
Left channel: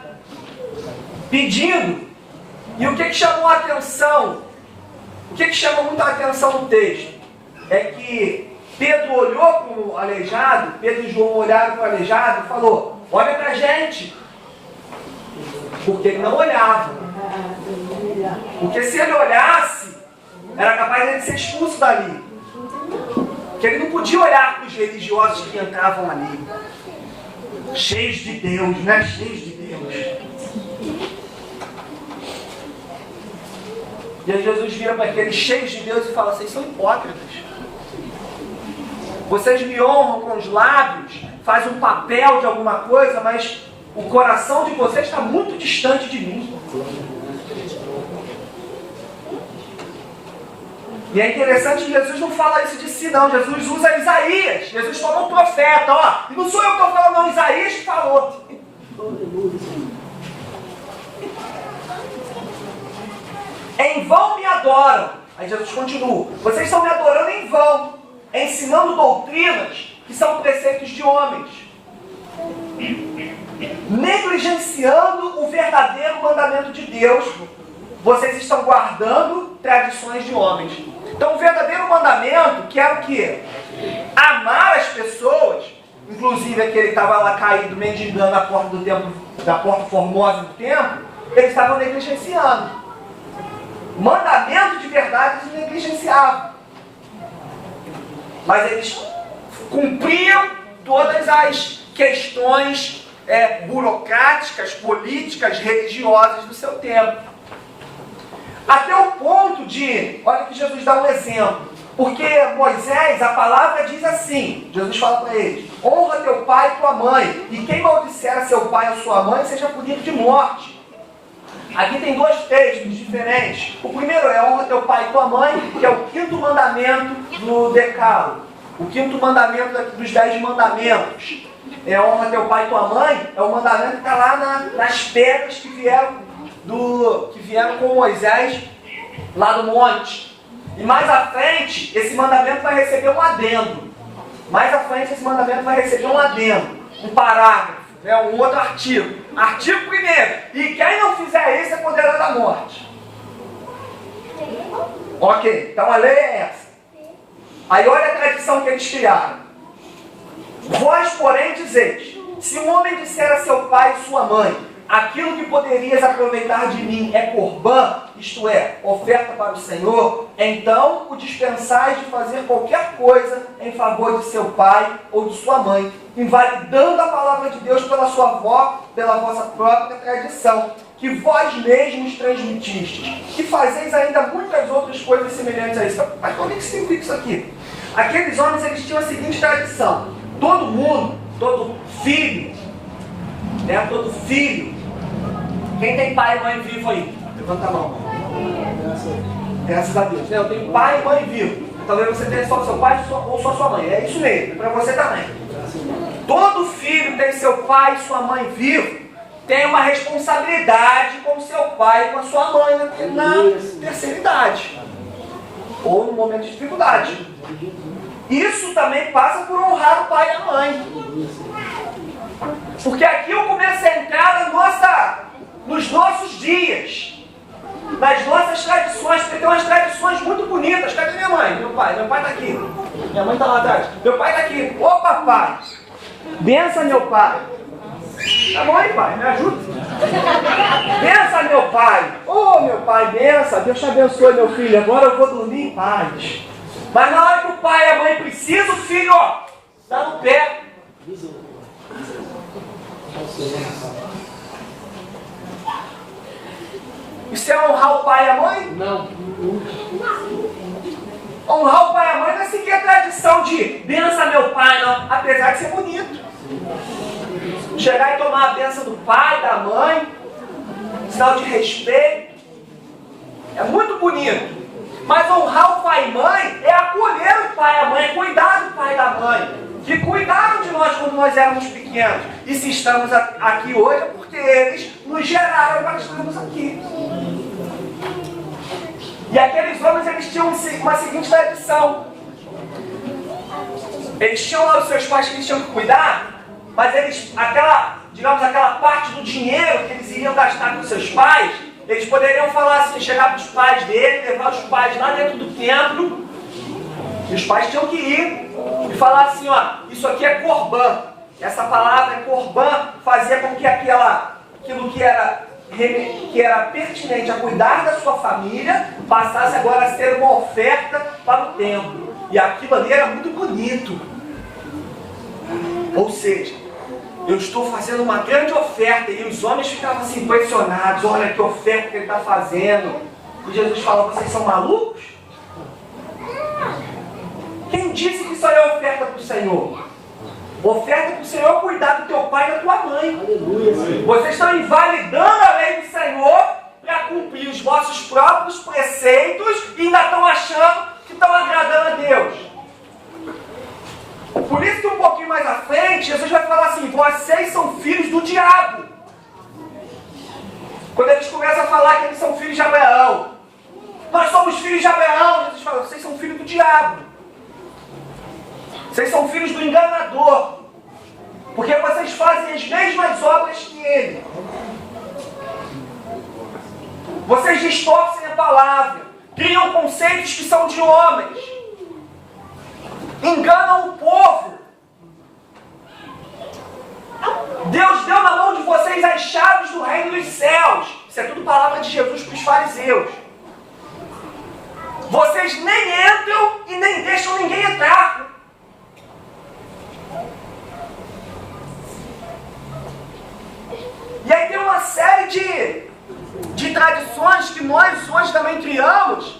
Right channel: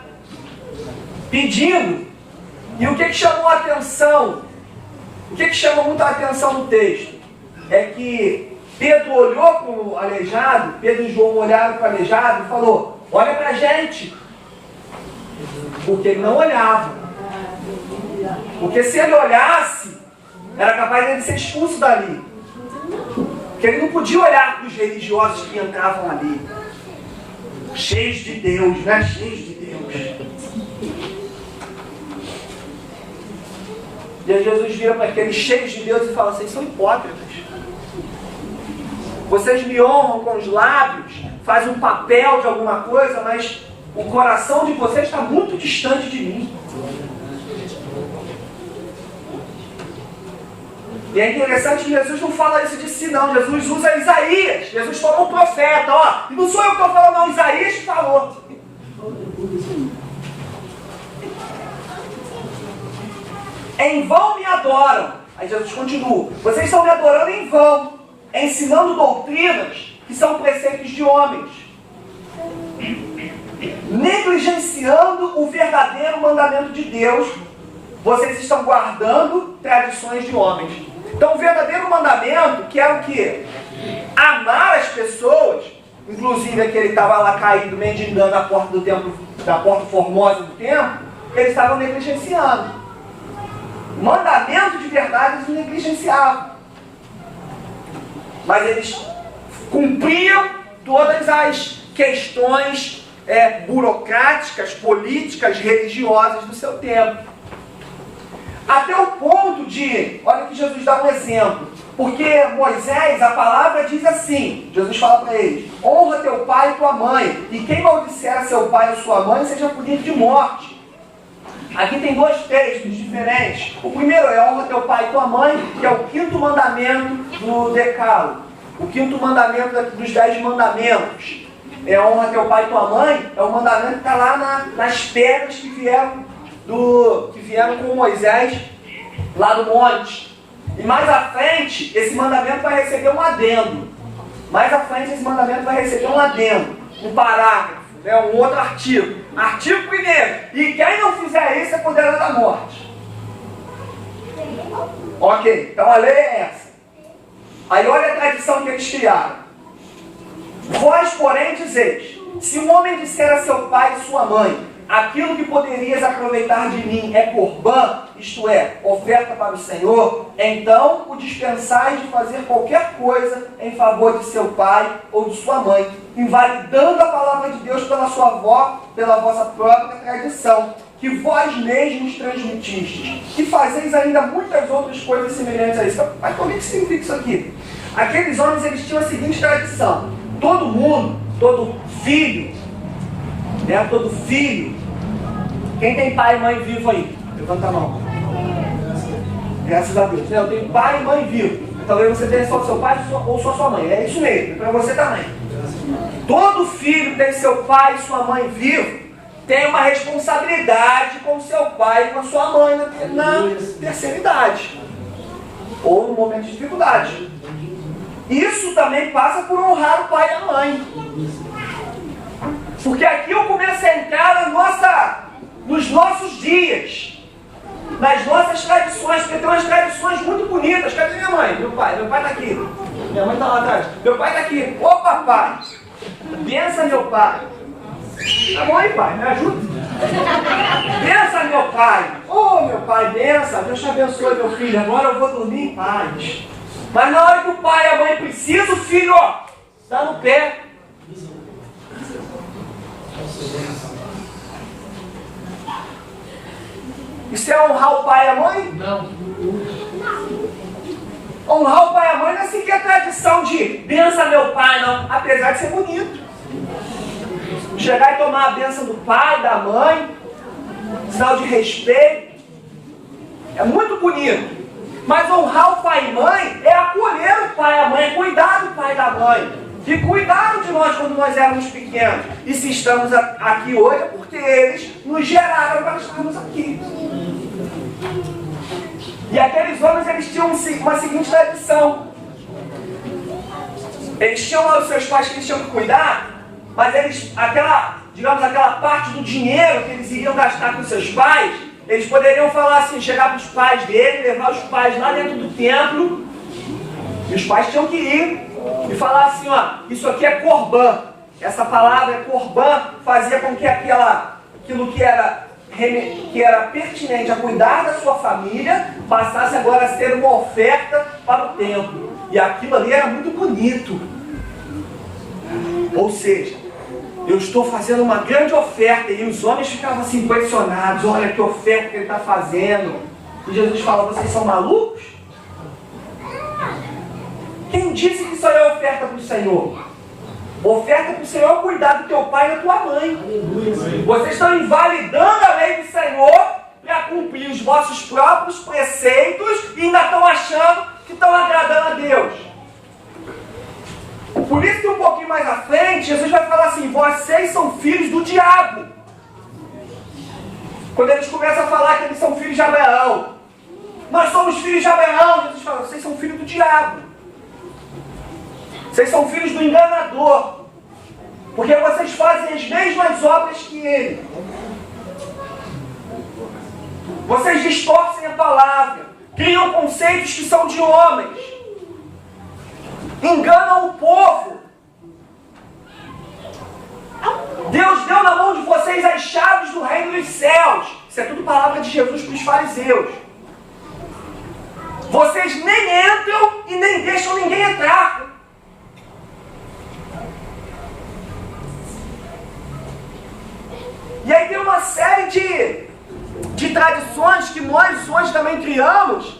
pedindo. E o que chamou a atenção? O que chama muito a atenção no texto? É que Pedro olhou para o aleijado, Pedro e João olharam para o aleijado e falou, olha para a gente. Porque ele não olhava. Porque se ele olhasse, era capaz de ele ser expulso dali. Porque ele não podia olhar para os religiosos que entravam ali, cheios de Deus, né? Cheios de Deus. E aí Jesus vira para aqueles cheios de Deus e fala, vocês são hipócritas. Vocês me honram com os lábios, faz um papel de alguma coisa, mas o coração de vocês está muito distante de mim. E é interessante que Jesus não fala isso de si, não. Jesus usa Isaías. Jesus falou um profeta, ó. E não sou eu que estou falando, não. Isaías que falou. Em vão me adoram. Aí Jesus continua. Vocês estão me adorando em vão, ensinando doutrinas que são preceitos de homens, negligenciando o verdadeiro mandamento de Deus. Vocês estão guardando tradições de homens. Então o verdadeiro mandamento, que era o quê? Amar as pessoas. Inclusive aquele estava lá caído, mendigando a porta do templo, da porta formosa do templo, eles estavam negligenciando. Mandamento de verdade eles negligenciavam. Mas eles cumpriam todas as questões burocráticas, políticas, religiosas do seu tempo. Até o ponto de, olha que Jesus dá um exemplo. Porque Moisés, a palavra diz assim, Jesus fala para eles: honra teu pai e tua mãe, e quem maldisser a seu pai ou sua mãe seja punido de morte. Aqui tem dois textos diferentes. O primeiro é honra teu pai e tua mãe, que é o 5º mandamento do Decálogo. O 5º mandamento dos 10 mandamentos. É honra teu pai e tua mãe, é o mandamento que está lá nas pedras que vieram com Moisés lá no monte. E mais à frente, esse mandamento vai receber um adendo. Mais à frente, esse mandamento vai receber um adendo, um parágrafo, um outro artigo. Artigo 1º. E quem não fizer isso é condenado à morte. Ok, então a lei é essa. Aí olha a tradição que eles criaram. Vós, porém, dizeis: se um homem disser a seu pai e sua mãe, aquilo que poderias aproveitar de mim é corbã, isto é, oferta para o Senhor, então o dispensais de fazer qualquer coisa em favor de seu pai ou de sua mãe, invalidando a palavra de Deus pela vossa própria tradição, que vós mesmos transmitistes, e fazeis ainda muitas outras coisas semelhantes a isso. Mas como é que significa isso aqui? Aqueles homens, eles tinham a seguinte tradição: todo mundo, todo filho, quem tem pai e mãe vivo aí? Levanta a mão. Graças a Deus. Eu tenho pai e mãe vivo. Talvez você tenha só seu pai ou só sua mãe. É isso mesmo, é para você também. Todo filho tem seu pai e sua mãe vivo, tem uma responsabilidade com seu pai e com a sua mãe na terceira idade. Ou no momento de dificuldade. Isso também passa por honrar o pai e a mãe. Porque aqui eu começo a entrar nos nossos dias, nas nossas tradições, porque tem umas tradições muito bonitas. Cadê minha mãe? Meu pai está aqui. Minha mãe está lá atrás. Meu pai está aqui. Ô papai, bença meu pai. Tá bom aí, pai, me ajuda. Bença meu pai. Ô meu pai, bença. Deus te abençoe, meu filho. Agora eu vou dormir em paz. Mas na hora que o pai e a mãe precisam, o filho, está no pé. Isso é honrar o pai e a mãe? Não. Honrar o pai e a mãe não é seguir a tradição de benção meu pai, não. Apesar de ser bonito. Chegar e tomar a bênção do pai, da mãe, sinal de respeito. É muito bonito. Mas honrar o pai e mãe é acolher o pai e a mãe, é cuidar do pai e da mãe. Que cuidaram de nós quando nós éramos pequenos. E se estamos aqui hoje é porque eles nos geraram para estarmos aqui. E aqueles homens, eles tinham uma seguinte tradição. Eles tinham lá os seus pais que eles tinham que cuidar, mas eles, aquela parte do dinheiro que eles iriam gastar com seus pais, eles poderiam falar assim, chegar para os pais dele, levar os pais lá dentro do templo, e os pais tinham que ir e falar assim, isso aqui é corbã. Essa palavra corbã fazia com que aquilo que era pertinente a cuidar da sua família passasse agora a ser uma oferta para o templo. E aquilo ali era muito bonito. Ou seja, eu estou fazendo uma grande oferta, e os homens ficavam assim impressionados: olha que oferta que ele está fazendo. E Jesus fala: vocês são malucos? Quem disse que isso aí é oferta para o Senhor? Oferta para o Senhor cuidar do teu pai e da tua mãe. Vocês estão invalidando a lei do Senhor para cumprir os vossos próprios preceitos e ainda estão achando que estão agradando a Deus. Por isso que um pouquinho mais à frente, Jesus vai falar assim: vocês são filhos do diabo. Quando eles começam a falar que eles são filhos de Abraão, nós somos filhos de Abraão, Jesus fala: vocês são filhos do diabo. Vocês são filhos do enganador. Porque vocês fazem as mesmas obras que ele. Vocês distorcem a palavra. Criam conceitos que são de homens. Enganam o povo. Deus deu na mão de vocês as chaves do reino dos céus. Isso é tudo palavra de Jesus para os fariseus. Vocês nem entram e nem deixam ninguém entrar. E aí tem uma série de tradições que nós hoje também criamos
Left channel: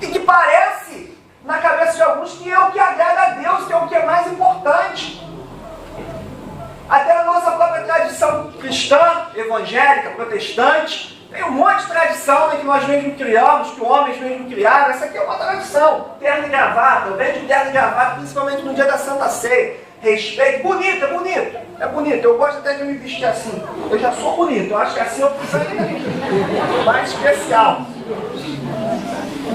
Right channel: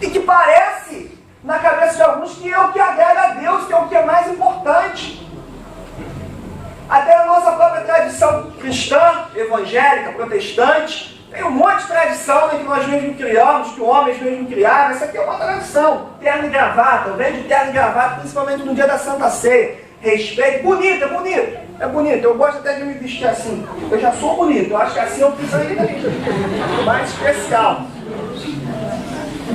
e que parece na cabeça de alguns que é o que agrada a Deus, que é o que é mais importante. Até na nossa própria tradição cristã, evangélica, protestante, tem um monte de tradição, né, que nós mesmos criamos, que homens mesmos criaram. Essa aqui é uma tradição. Terno e gravata, eu venho de terno e gravata, principalmente no dia da Santa Ceia. Respeito, bonito, é bonito. É bonito, eu gosto até de me vestir assim. Eu já sou bonito, eu acho que assim eu preciso ainda mais especial.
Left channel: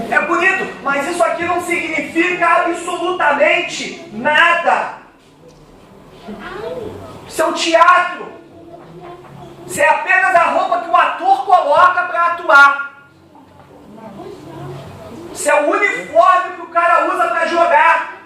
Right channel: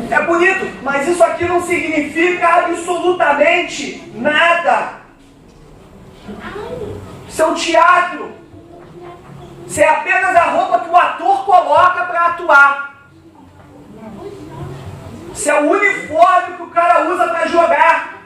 É bonito, mas isso aqui não significa absolutamente nada. Isso é um teatro. Isso é apenas a roupa que o ator coloca para atuar. Isso é o uniforme que o cara usa para jogar.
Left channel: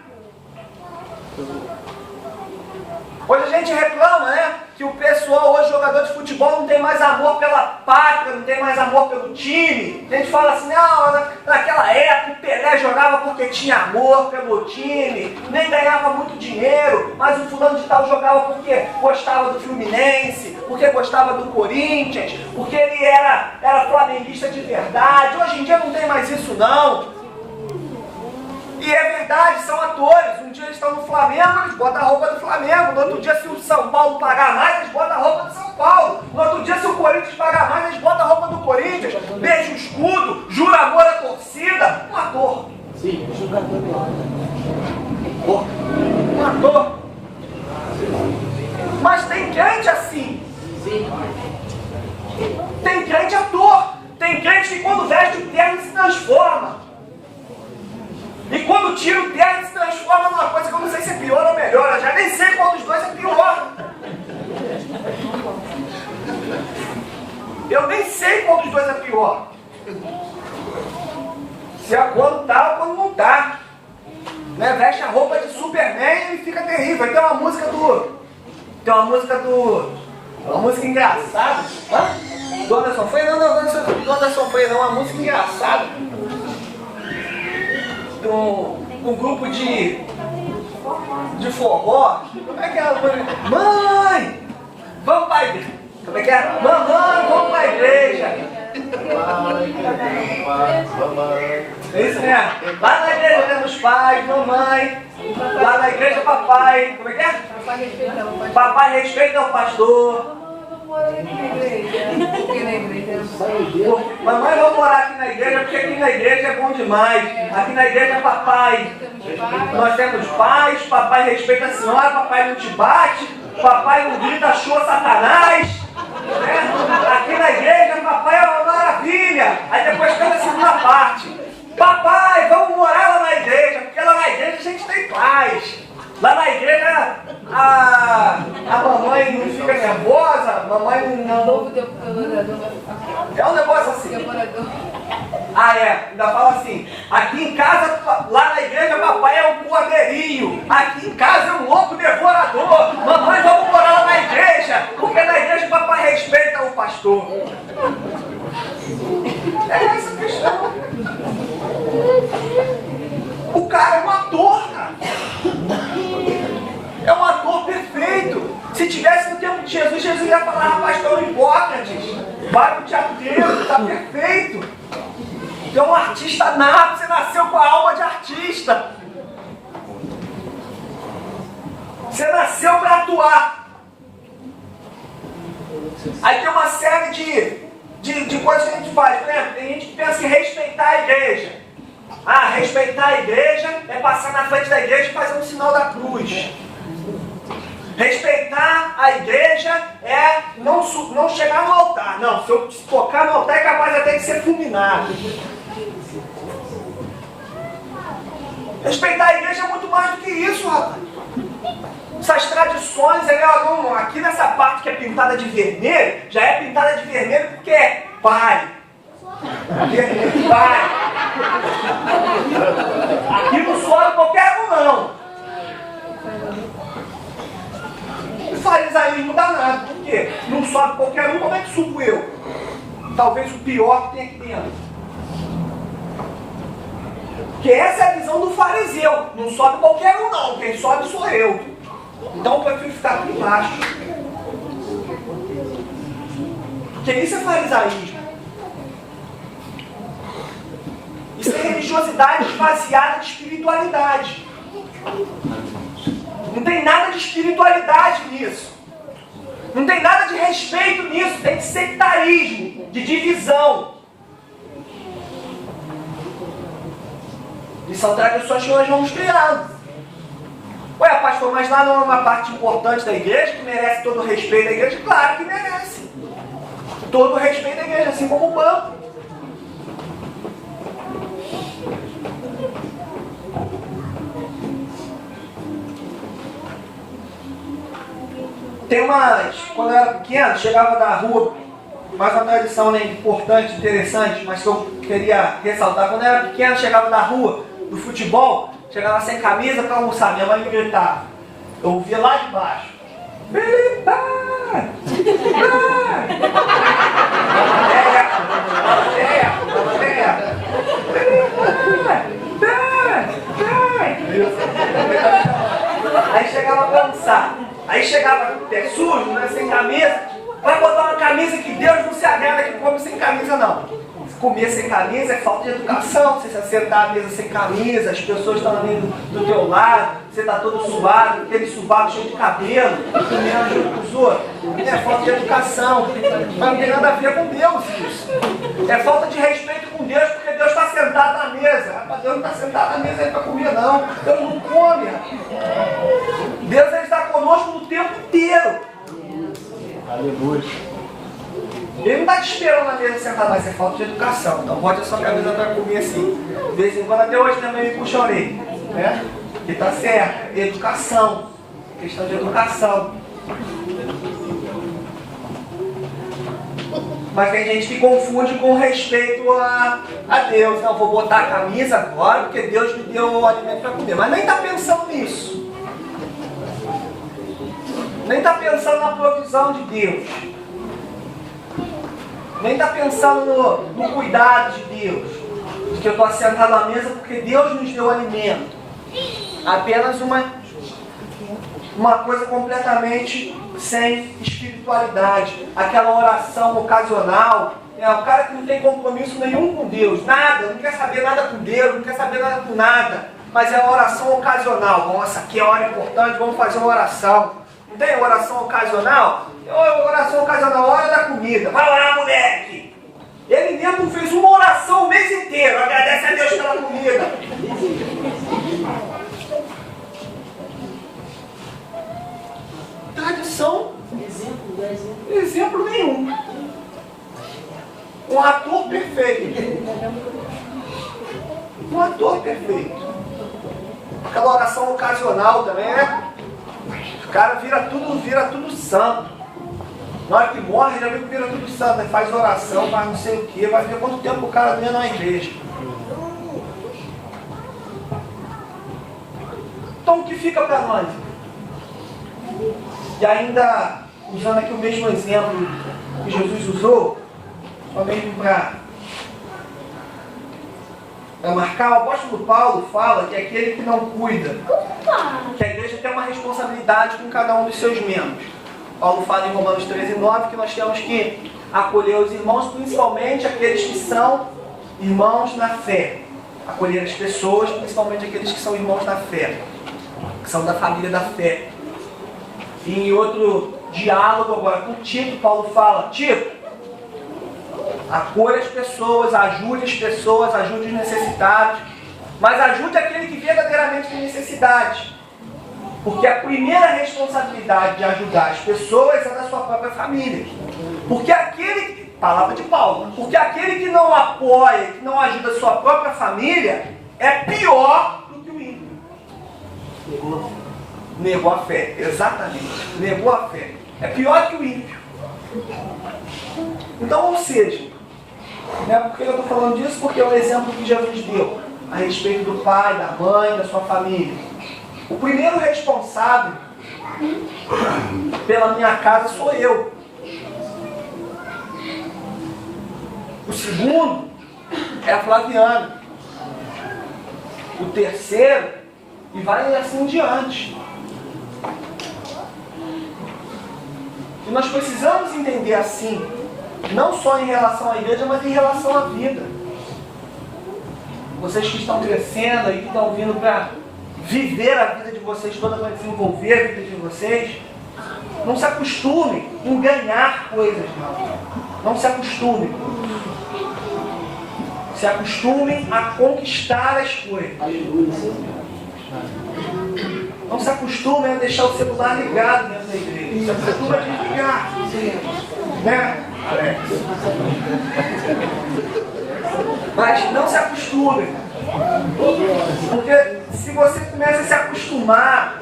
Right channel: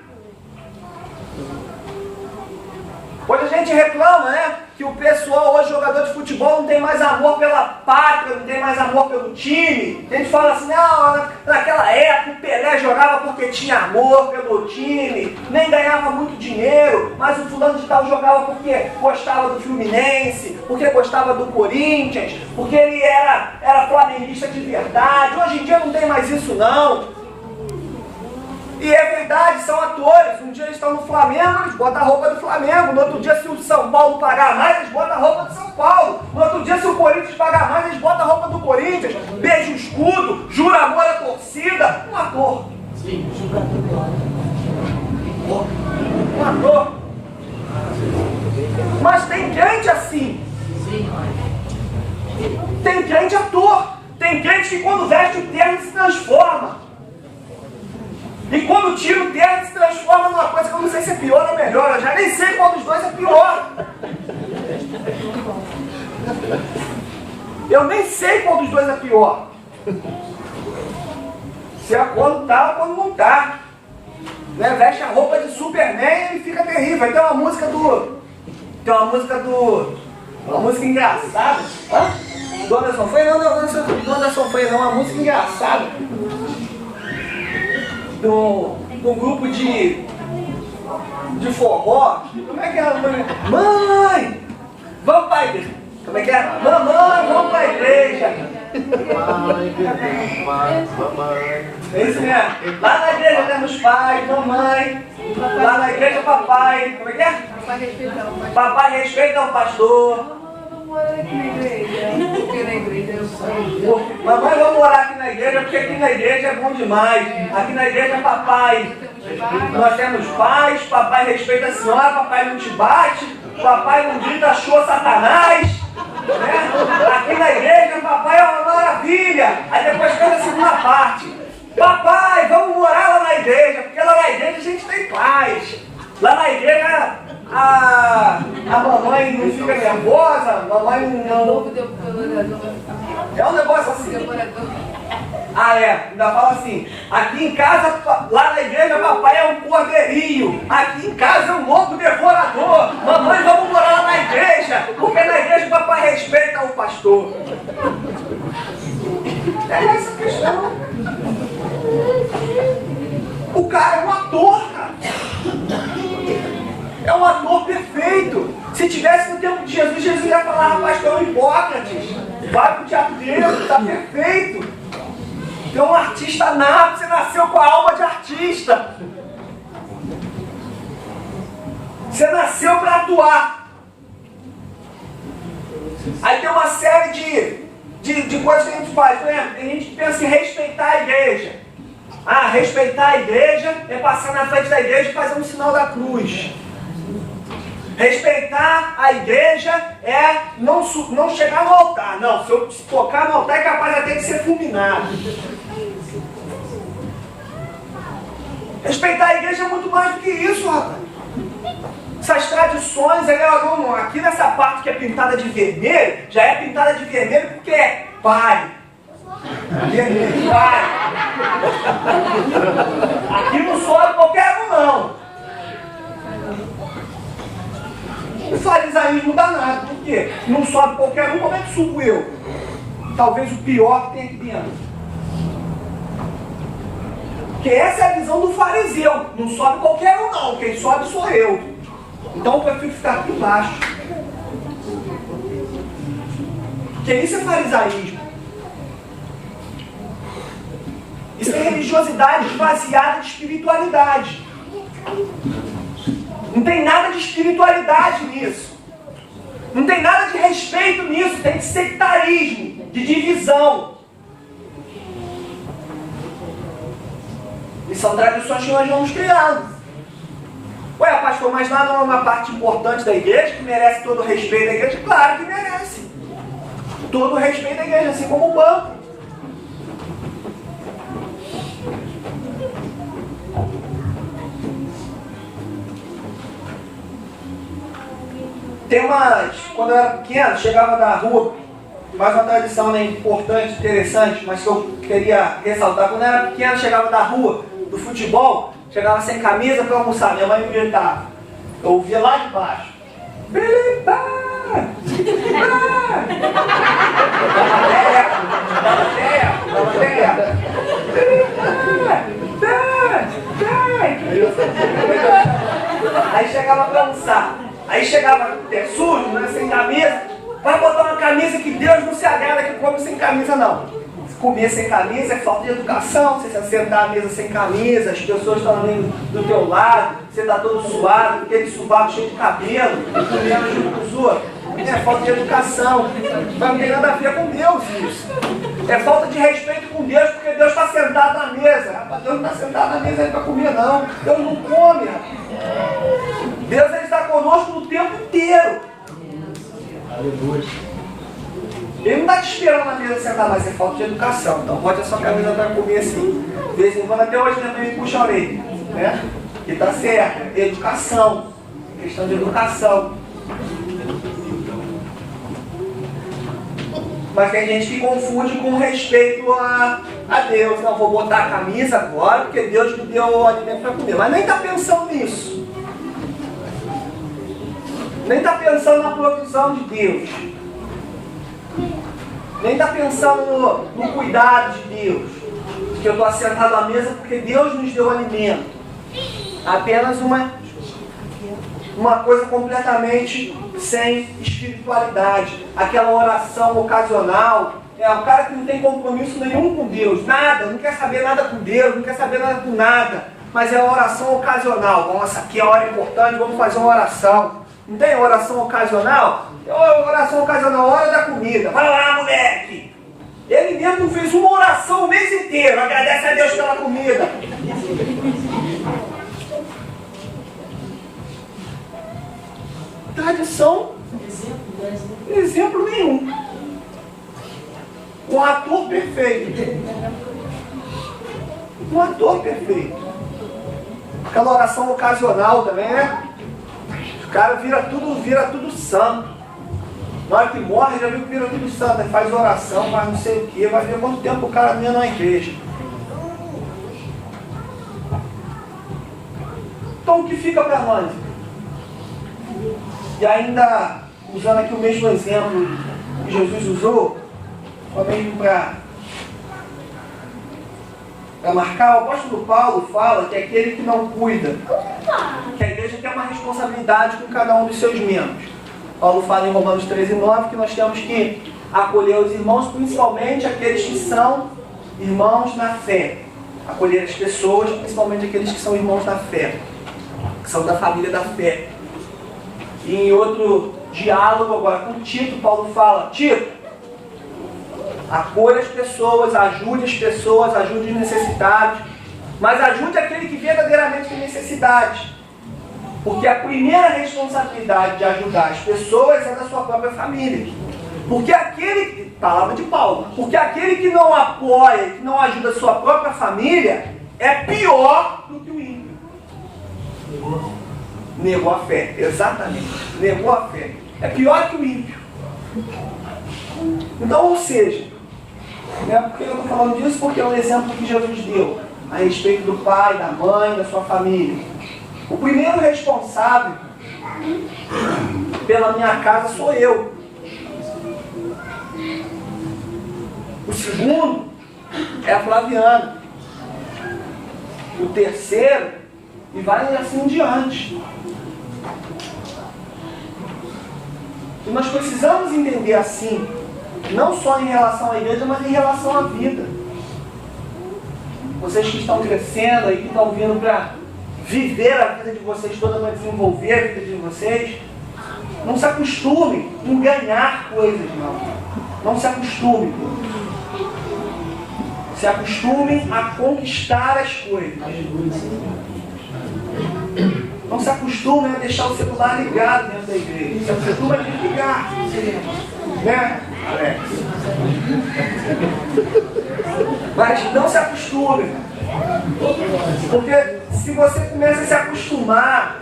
Hoje a gente reclama, né? Que o pessoal hoje, jogador de futebol, não tem mais amor pela pátria, não tem mais amor pelo time. A gente fala assim: não, naquela época o Pelé jogava porque tinha amor pelo time, nem ganhava muito dinheiro, mas o fulano de tal jogava porque gostava do Fluminense, porque gostava do Corinthians, porque ele era flamenguista de verdade. Hoje em dia não tem mais isso não. E é verdade, são atores. Um dia eles estão no Flamengo, eles botam a roupa do Flamengo. No outro dia, se o São Paulo pagar mais, eles botam a roupa do São Paulo. No outro dia, se o Corinthians pagar mais, eles botam a roupa do Corinthians. Beija o escudo, jura amor à torcida. Um ator. Um ator. Mas tem crente assim. Tem crente ator. Tem crente que quando veste o terno se transforma. E quando tira o terno se transforma numa coisa que eu não sei se é pior ou melhor. Eu já nem sei qual dos dois é pior. Eu nem sei qual dos dois é pior. Se é quando tá ou quando não tá. Né? Veste a roupa de Superman e fica terrível. Aí tem uma música uma música engraçada. Hã? Dona Sonfreira? Não, Dona Sonfreira, uma música engraçada. Um grupo de forró. Como é que é a mãe? Vamos pra igreja. Como é que é? Mamãe, vamos pra igreja. É isso mesmo. Lá na igreja temos pais, mamãe. Lá na igreja papai. Como é que é? Papai respeita o pastor. Mamãe, vamos morar aqui na igreja, porque aqui na igreja é bom demais. Aqui na igreja é papai. Nós temos pais, papai respeita a senhora, papai não te bate, papai não grita, achou Satanás. Né? Aqui na igreja, papai é uma maravilha. Aí depois canta a segunda parte. Papai, vamos morar lá na igreja, porque lá na igreja a gente tem paz. Lá na igreja a mamãe não fica nervosa, a mamãe não... É um negócio assim. Ah, é, ainda fala assim: aqui em casa, lá na igreja, papai é um cordeirinho, aqui em casa é um lobo devorador. Mamãe, vamos morar lá na igreja, porque na igreja papai respeita o pastor. É essa a questão. O cara é um ator, cara. É um ator perfeito. Se tivesse no tempo de Jesus, Jesus ia falar: rapaz, tu é um Hipócrates, vai pro teatro dele, tá perfeito. Tu é um artista nato, você nasceu com a alma de artista. Você nasceu para atuar. Aí tem uma série de coisas que a gente faz. Por exemplo, tem gente que pensa em respeitar a igreja. Ah, respeitar a igreja é passar na frente da igreja e fazer um sinal da cruz. Respeitar a igreja é não chegar no altar. Não, se eu tocar no altar é capaz até de ser fulminado. Respeitar a igreja é muito mais do que isso, rapaz. Essas tradições, aqui nessa parte que é pintada de vermelho, já é pintada de vermelho porque é pai. Vermelho, pai. Aqui não sobe qualquer um, não. O farisaísmo danado, por quê? Não sobe qualquer um, como é que subo eu? Talvez o pior que tem aqui dentro. Porque essa é a visão do fariseu. Não sobe qualquer um, não. Quem sobe sou eu. Então eu prefiro ficar aqui embaixo. Porque isso é farisaísmo. Isso é religiosidade esvaziada de espiritualidade. Não tem nada de espiritualidade nisso. Não tem nada de respeito nisso. Tem de sectarismo, de divisão. E são tradições que nós vamos criando. Ué, pastor, mas lá não é uma parte importante da igreja que merece todo o respeito da igreja? Claro que merece. Todo o respeito da igreja, assim como o banco. Tem umas... Quando eu era pequeno, chegava da rua, mais uma tradição, né, importante, interessante, mas que eu queria ressaltar. Quando eu era pequeno, chegava da rua, do futebol, chegava sem camisa para almoçar, minha mãe me gritava. Eu ouvia lá de baixo. Felipe! Dava ideia. Aí chegava para almoçar. Aí chegava sujo, né, sem camisa. Vai botar uma camisa que Deus não se agrada que come sem camisa, não. Comer sem camisa é falta de educação. Você se sentar à mesa sem camisa, as pessoas estão ali do teu lado, você está todo suado, aquele subaco cheio de cabelo, comendo junto com os outros. É falta de educação. Mas não tem nada a ver com Deus isso. É falta de respeito com Deus, porque Deus está sentado na mesa. Rapaz, Deus não está sentado na mesa aí para comer, não. Deus não come, rapaz. Deus ele está conosco o tempo inteiro. Aleluia. Ele não está te esperando na mesa sentar, mas é falta de educação. Então bote a sua camisa para comer assim. De vez em quando, até hoje também me puxa a orelha. Né? Que está certo. Educação. Questão de educação. Mas tem gente que confunde com respeito a Deus. Não, vou botar a camisa agora porque Deus me deu o alimento para comer. Mas nem está pensando nisso. Nem está pensando na provisão de Deus. Nem está pensando no cuidado de Deus. De que eu estou assentado à mesa porque Deus nos deu alimento. Apenas uma coisa completamente sem espiritualidade. Aquela oração ocasional. O cara que não tem compromisso nenhum com Deus. Nada, não quer saber nada com Deus, não quer saber nada com nada. Mas é uma oração ocasional. Nossa, aqui é a hora importante, vamos fazer uma oração. Não tem oração ocasional? Oração ocasional, hora da comida. Vai lá, moleque! Ele mesmo fez uma oração o mês inteiro. Agradece a Deus pela comida. Tradição. Exemplo nenhum. Um ator perfeito. Um ator perfeito. Aquela oração ocasional também, né? O cara vira tudo santo. Na hora que morre, já viu que vira tudo santo. Aí faz oração, faz não sei o que. Vai ver quanto tempo o cara não ia na igreja. Então o que fica para nós? E ainda, usando aqui o mesmo exemplo que Jesus usou, só mesmo para marcar, o apóstolo Paulo fala que aquele que não cuida, que a igreja tem uma responsabilidade com cada um dos seus membros. Paulo fala em Romanos 13:9 que nós temos que acolher os irmãos, principalmente aqueles que são irmãos na fé. Acolher as pessoas, principalmente aqueles que são irmãos da fé, que são da família da fé. Em outro diálogo agora com Tito, Paulo fala: Tito, acolha as pessoas, ajude os necessitados, mas ajude aquele que verdadeiramente tem necessidade. Porque a primeira responsabilidade de ajudar as pessoas é da sua própria família. Porque aquele, palavra de Paulo, porque aquele que não apoia, que não ajuda a sua própria família, é pior do que o ímpio. Negou a fé, exatamente. Negou a fé. É pior que o ímpio. Então, ou seja, né, por que eu estou falando disso? Porque é um exemplo que Jesus deu a respeito do pai, da mãe, da sua família. O primeiro responsável pela minha casa sou eu. O segundo é a Flaviana. O terceiro, e vai assim em diante. E nós precisamos entender assim, não só em relação à igreja, mas em relação à vida. Vocês que estão crescendo aí, que estão vindo para viver a vida de vocês toda, para desenvolver a vida de vocês, não se acostume em ganhar coisas, não. Não se acostume. Se acostume a conquistar as coisas. Não se acostume a deixar o celular ligado dentro da igreja. Se acostume a desligar. Né, Alex? Mas não se acostume. Porque se você começa a se acostumar,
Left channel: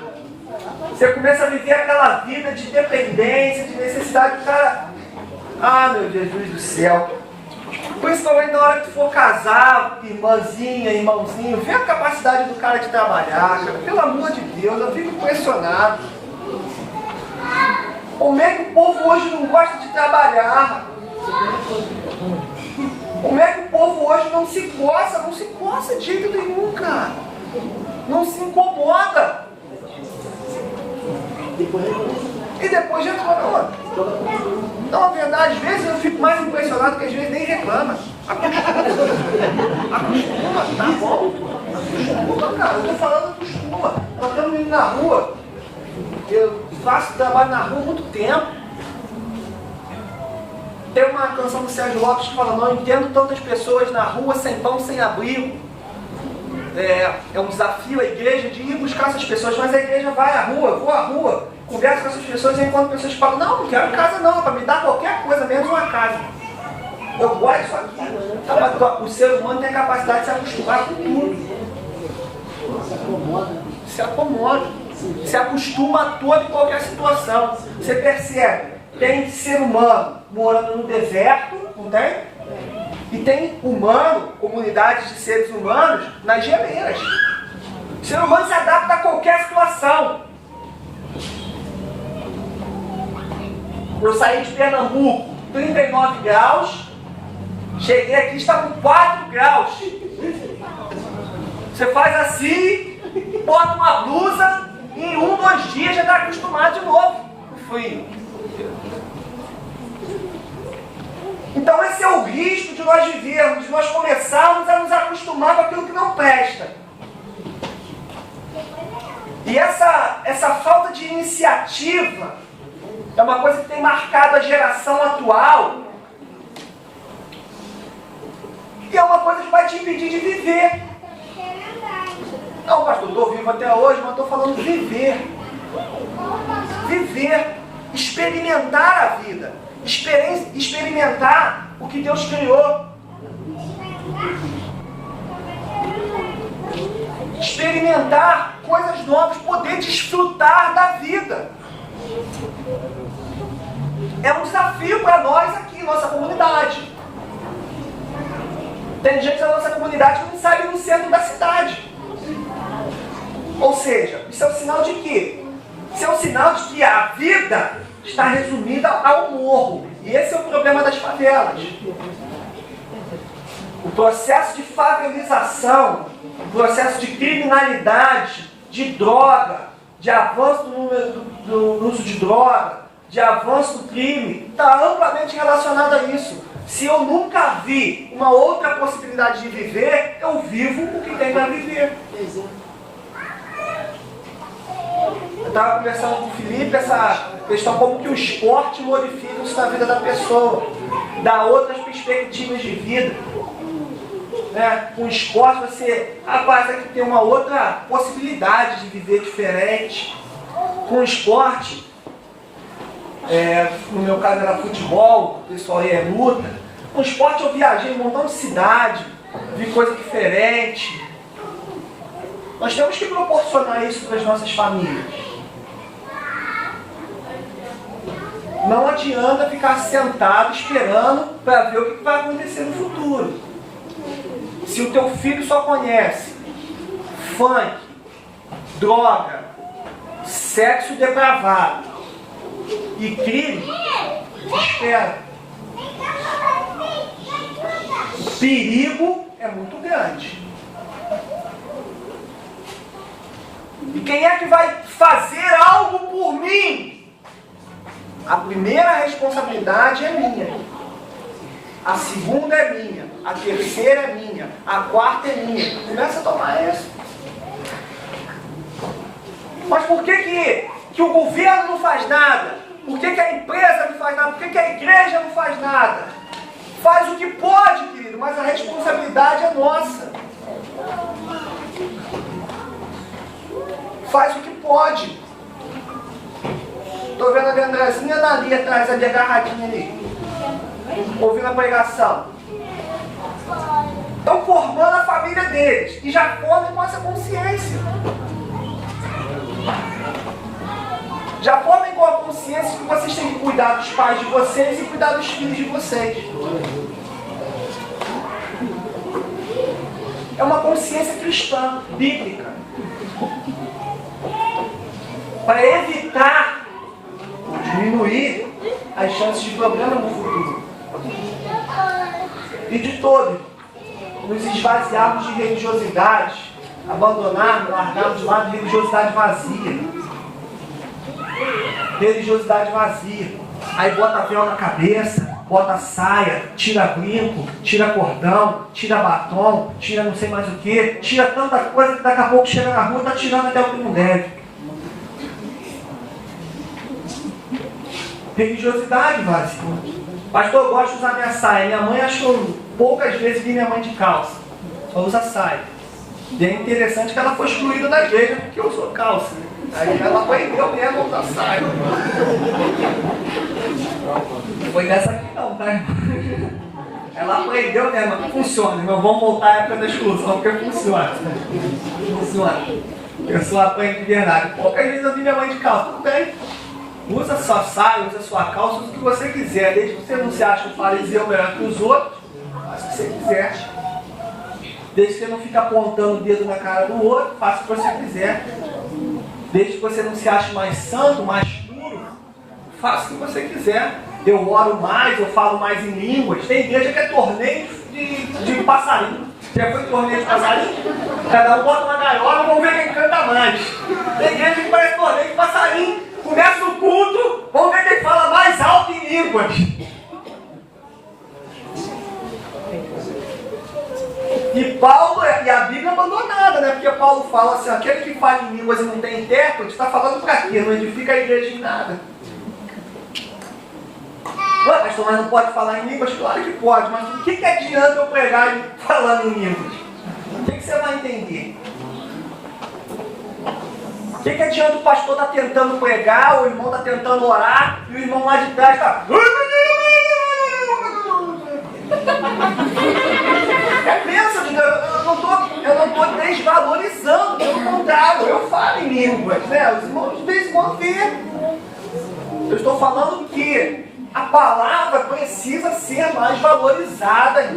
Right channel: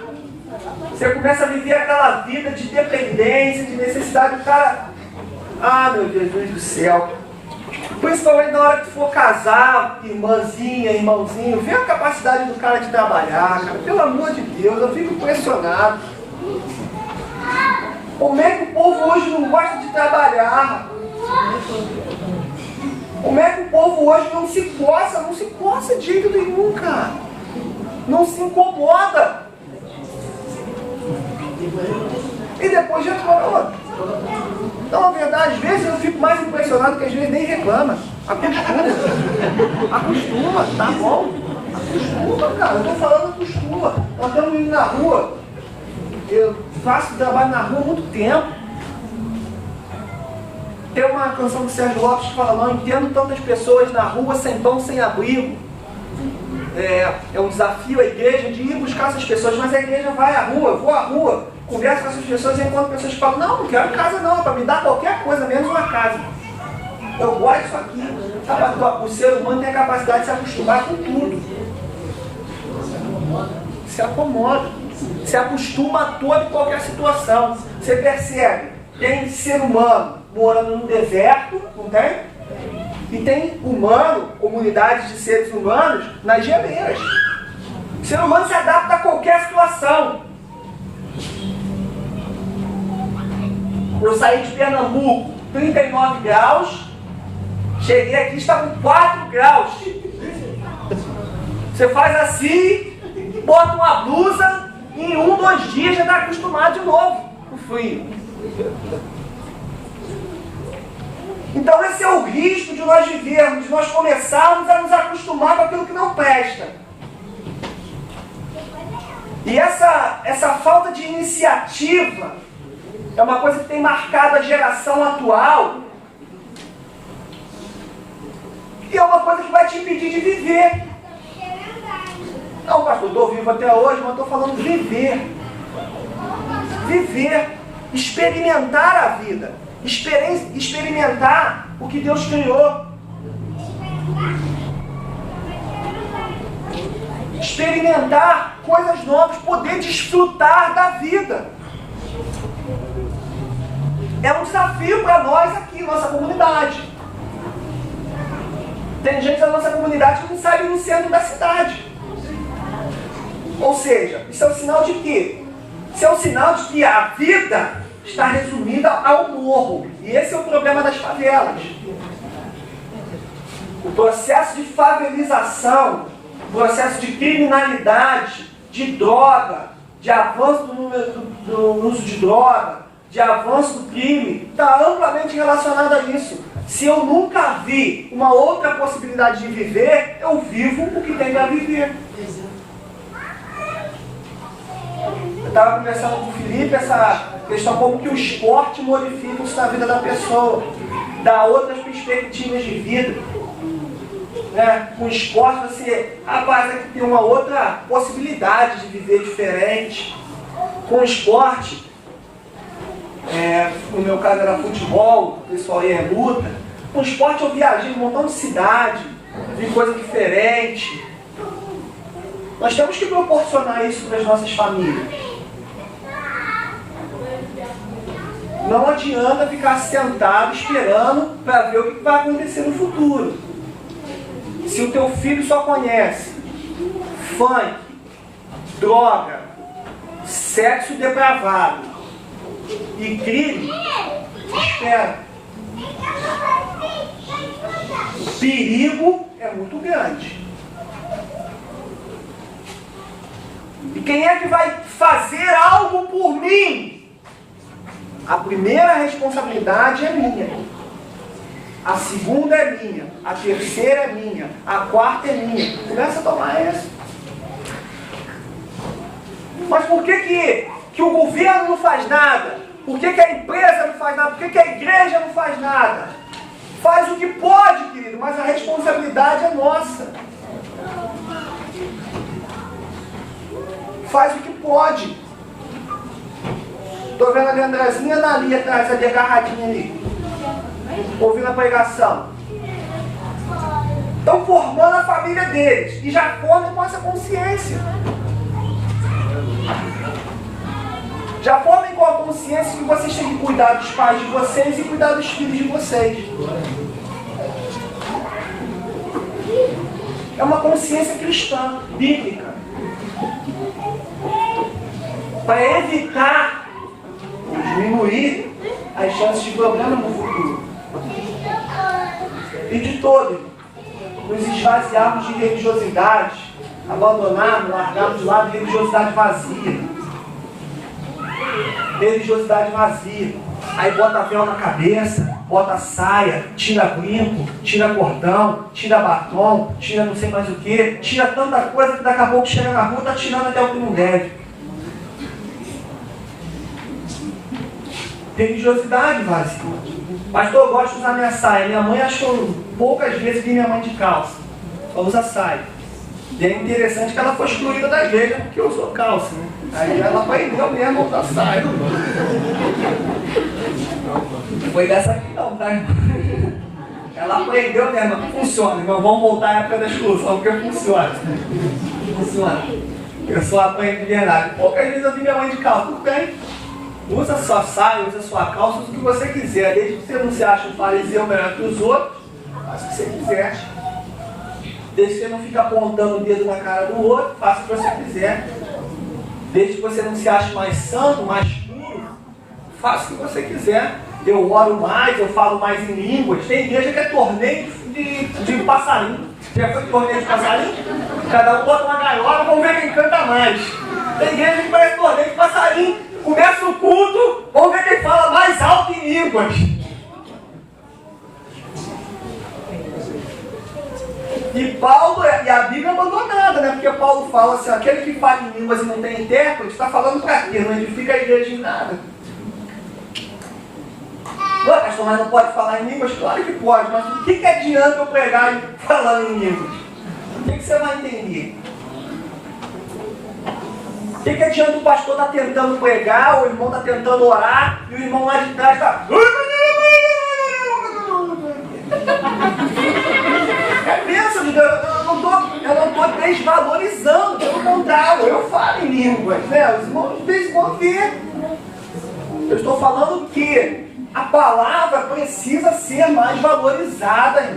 você começa a viver aquela vida de dependência, de necessidade do cara. Ah, meu Jesus do céu. Principalmente na hora que for casar, irmãzinha, irmãozinho, vê a capacidade do cara de trabalhar, cara. Pelo amor de Deus, eu fico impressionado. Como é que o povo hoje não gosta de trabalhar? Como é que o povo hoje não se coça de jeito nenhum, cara. Não se incomoda. E depois já falou. Então, na verdade, às vezes eu fico mais impressionado que às vezes nem reclama. Acostuma, tá bom? Acostuma, cara. Eu tô falando acostuma. Nós estamos indo na rua. Eu faço trabalho na rua há muito tempo. Tem uma canção do Sérgio Lopes que fala: não entendo tantas pessoas na rua sem pão, sem abrigo. É um desafio a igreja de ir buscar essas pessoas, mas a igreja vai à rua, vou à rua, converso com essas pessoas e enquanto pessoas falam: não quero casa não, é para me dar qualquer coisa, menos uma casa. Eu gosto disso aqui. Sabe, o ser humano tem a capacidade de se acostumar com tudo. Se acomoda. Se acostuma a toda e qualquer situação. Você percebe, tem ser humano morando no deserto, não tem? E tem humano, comunidades de seres humanos, nas geleiras. O ser humano se adapta a qualquer situação. Eu saí de Pernambuco, 39 graus, cheguei aqui, está com 4 graus. Você faz assim, bota uma blusa, e em 1, 2 dias já está acostumado de novo com o frio. Então esse é o risco de nós vivermos, de nós começarmos a nos acostumar com aquilo que não presta. E essa falta de iniciativa é uma coisa que tem marcado a geração atual. E é uma coisa que vai te impedir de viver. Não, pastor, estou vivo até hoje, mas estou falando viver. Viver. Experimentar a vida. Experimentar o que Deus criou. Experimentar coisas novas, poder desfrutar da vida. É um desafio para nós aqui, nossa comunidade. Tem gente da nossa comunidade que não sai no centro da cidade. Ou seja, isso é um sinal de quê? Isso é um sinal de que a vida está resumida ao morro. E esse é o problema das favelas. O processo de favelização, o processo de criminalidade, de droga, de avanço do uso de droga, de avanço do crime, está amplamente relacionado a isso. Se eu nunca vi uma outra possibilidade de viver, eu vivo o que tem para viver. estava conversando com o Felipe essa questão como que o esporte modifica isso na vida da pessoa, dá outras perspectivas de vida. Né? Com o esporte você, rapaz, aqui tem uma outra possibilidade de viver diferente. Com o esporte, no meu caso era futebol, o pessoal ia em luta. Com o esporte eu viajei em um montão de cidade, vi coisa diferente. Nós temos que proporcionar isso para as nossas famílias. Não adianta ficar sentado esperando para ver o que vai acontecer no futuro. Se o teu filho só conhece funk, droga, sexo depravado e crime, espera. O perigo é muito grande. E quem é que vai fazer algo por mim? A primeira responsabilidade é minha. A segunda é minha. A terceira é minha. A quarta é minha. Começa a tomar essa. Mas por que o governo não faz nada? Por que a empresa não faz nada? Por que a igreja não faz nada? Faz o que pode, querido, mas a responsabilidade é nossa. Faz o que pode. Estou vendo a Andrezinha ali atrás, ali agarradinha ali, ouvindo a pregação. Estão formando a família deles e já formam com essa consciência. Já formem com a consciência que vocês têm que cuidar dos pais de vocês e cuidar dos filhos de vocês. É uma consciência cristã, bíblica. Para evitar diminuir as chances de problema no futuro. E de todo, nos esvaziarmos de religiosidade, abandonarmos, largarmos de lado religiosidade vazia. Religiosidade vazia. Aí bota véu na cabeça, bota saia, tira brinco, tira cordão, tira batom, tira não sei mais o que, tira tanta coisa que daqui a pouco chega na rua, tá tirando até o que não deve. Religiosidade vazia. Pastor, eu gosto de usar minha saia. Minha mãe achou poucas vezes vi minha mãe de calça. Só usa saia. E é interessante que ela foi excluída da igreja porque usou calça, né? Aí ela aprendeu mesmo a usar saia. Não foi dessa aqui não, tá? Ela aprendeu mesmo, não funciona. Irmão, vamos voltar à época da exclusão, porque funciona. Funciona. Eu só aprendo de verdade. Poucas vezes eu vi minha mãe de calça. Tudo bem. Usa sua saia, usa sua calça, usa o que você quiser. Desde que você não se ache um fariseu melhor que os outros, faz o que você quiser. Desde que você não fique apontando o dedo na cara do outro, faça o que você quiser. Desde que você não se ache mais santo, mais puro, faça o que você quiser. Eu oro mais, eu falo mais em línguas. Tem igreja que é torneio de passarinho. Já foi torneio de passarinho? Cada um bota uma gaiola, vamos ver quem canta mais. Tem igreja que parece torneio de passarinho. Começa o culto, vamos ver quem fala mais alto em línguas. E Paulo, e a Bíblia é abandonada, né? Porque Paulo fala assim, aquele que fala em línguas e não tem intérprete, está falando para quê? Não edifica a igreja em nada. Ué, pastor, mas não pode falar em línguas? Claro que pode, mas o que adianta eu pregar falando em línguas? O que você vai entender? O que adianta o pastor estar tentando pregar, o irmão está tentando orar, e o irmão lá de trás está... É bênção de Deus, eu não estou desvalorizando, pelo contrário, eu falo em línguas, né? Os irmãos de vez em quando vê. Eu estou falando que a palavra precisa ser mais valorizada.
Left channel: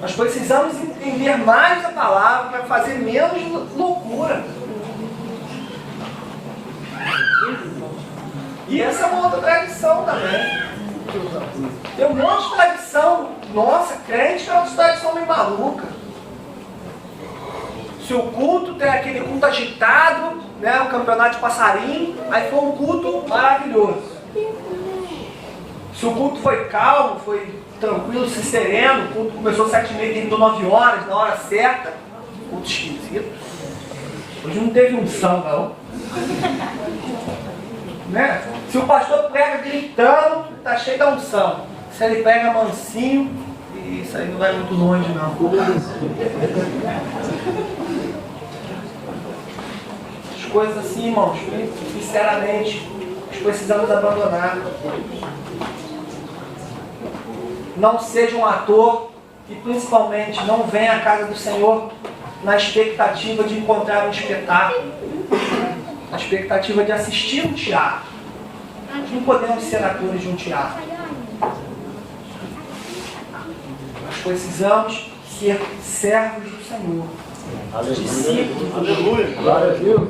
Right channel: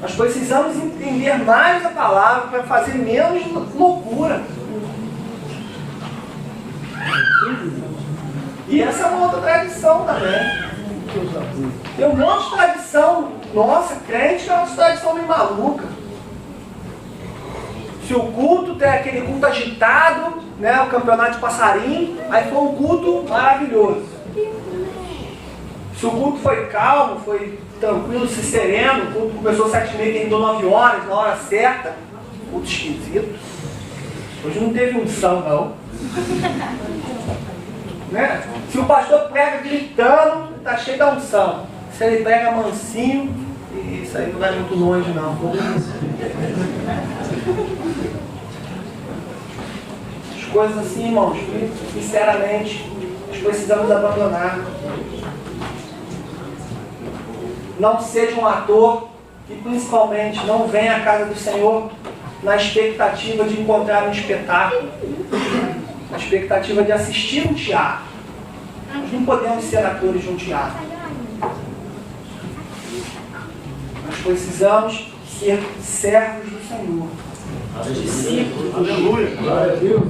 Nós precisamos entender mais a palavra para fazer menos loucura. E essa é uma outra tradição também. Tem um monte de tradição. Nossa, crente é uma tradição meio maluca. Se o culto tem aquele culto agitado, né, o campeonato de passarinho, aí foi um culto maravilhoso. Se o culto foi calmo, foi tranquilo, sereno. O culto começou às 7h30, terminou 9 horas, na hora certa. Culto esquisito. Hoje não teve unção, não. Né? Se o pastor prega gritando, tá cheio da unção. Se ele prega mansinho, isso aí não vai muito longe, não. As coisas assim, irmãos, sinceramente, nós precisamos abandonar. Não seja um ator e principalmente não venha à casa do Senhor na expectativa de encontrar um espetáculo, na expectativa de assistir um teatro. Nós não podemos ser atores de um teatro. Nós precisamos ser servos do Senhor. Discípulos. Aleluia. Glória a Deus.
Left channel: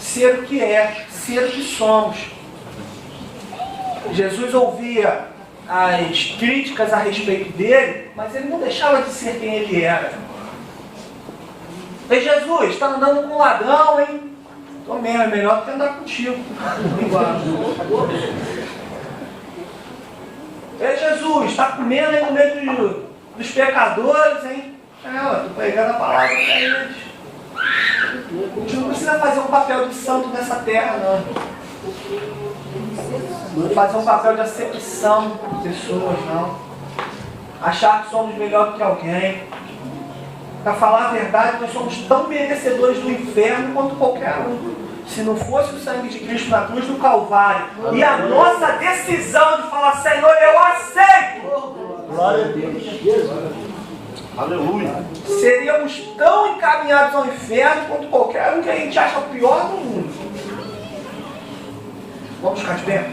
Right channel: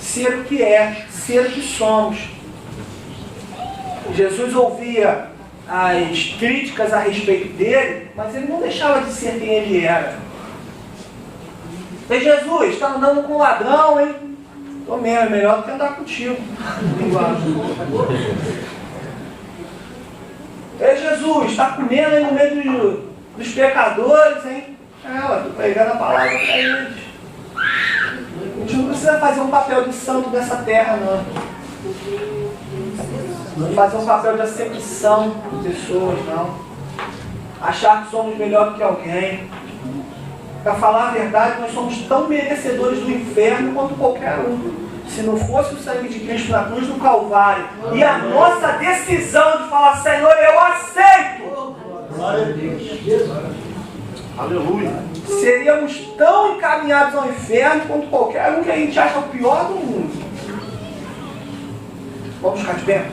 Ser o que é, ser o que somos. Jesus ouvia as críticas a respeito dele, mas ele não deixava de ser quem ele era. Ei, Jesus, está andando com um ladrão, hein? Tô mesmo, é melhor do que andar contigo. Ei, Jesus, está comendo aí no meio dos pecadores, hein? Eu tô pregando a palavra para eles. A gente não precisa fazer um papel de santo nessa terra, não. Não fazer um papel de acepção de pessoas, não. Achar que somos melhor do que alguém. Para falar a verdade, nós somos tão merecedores do inferno quanto qualquer um. Se não fosse o sangue de Cristo na cruz do Calvário e a nossa decisão de falar, Senhor, eu aceito. Glória a Deus. Aleluia. Seríamos tão encaminhados ao inferno quanto qualquer um que a gente acha o pior do mundo. Vamos ficar de pé?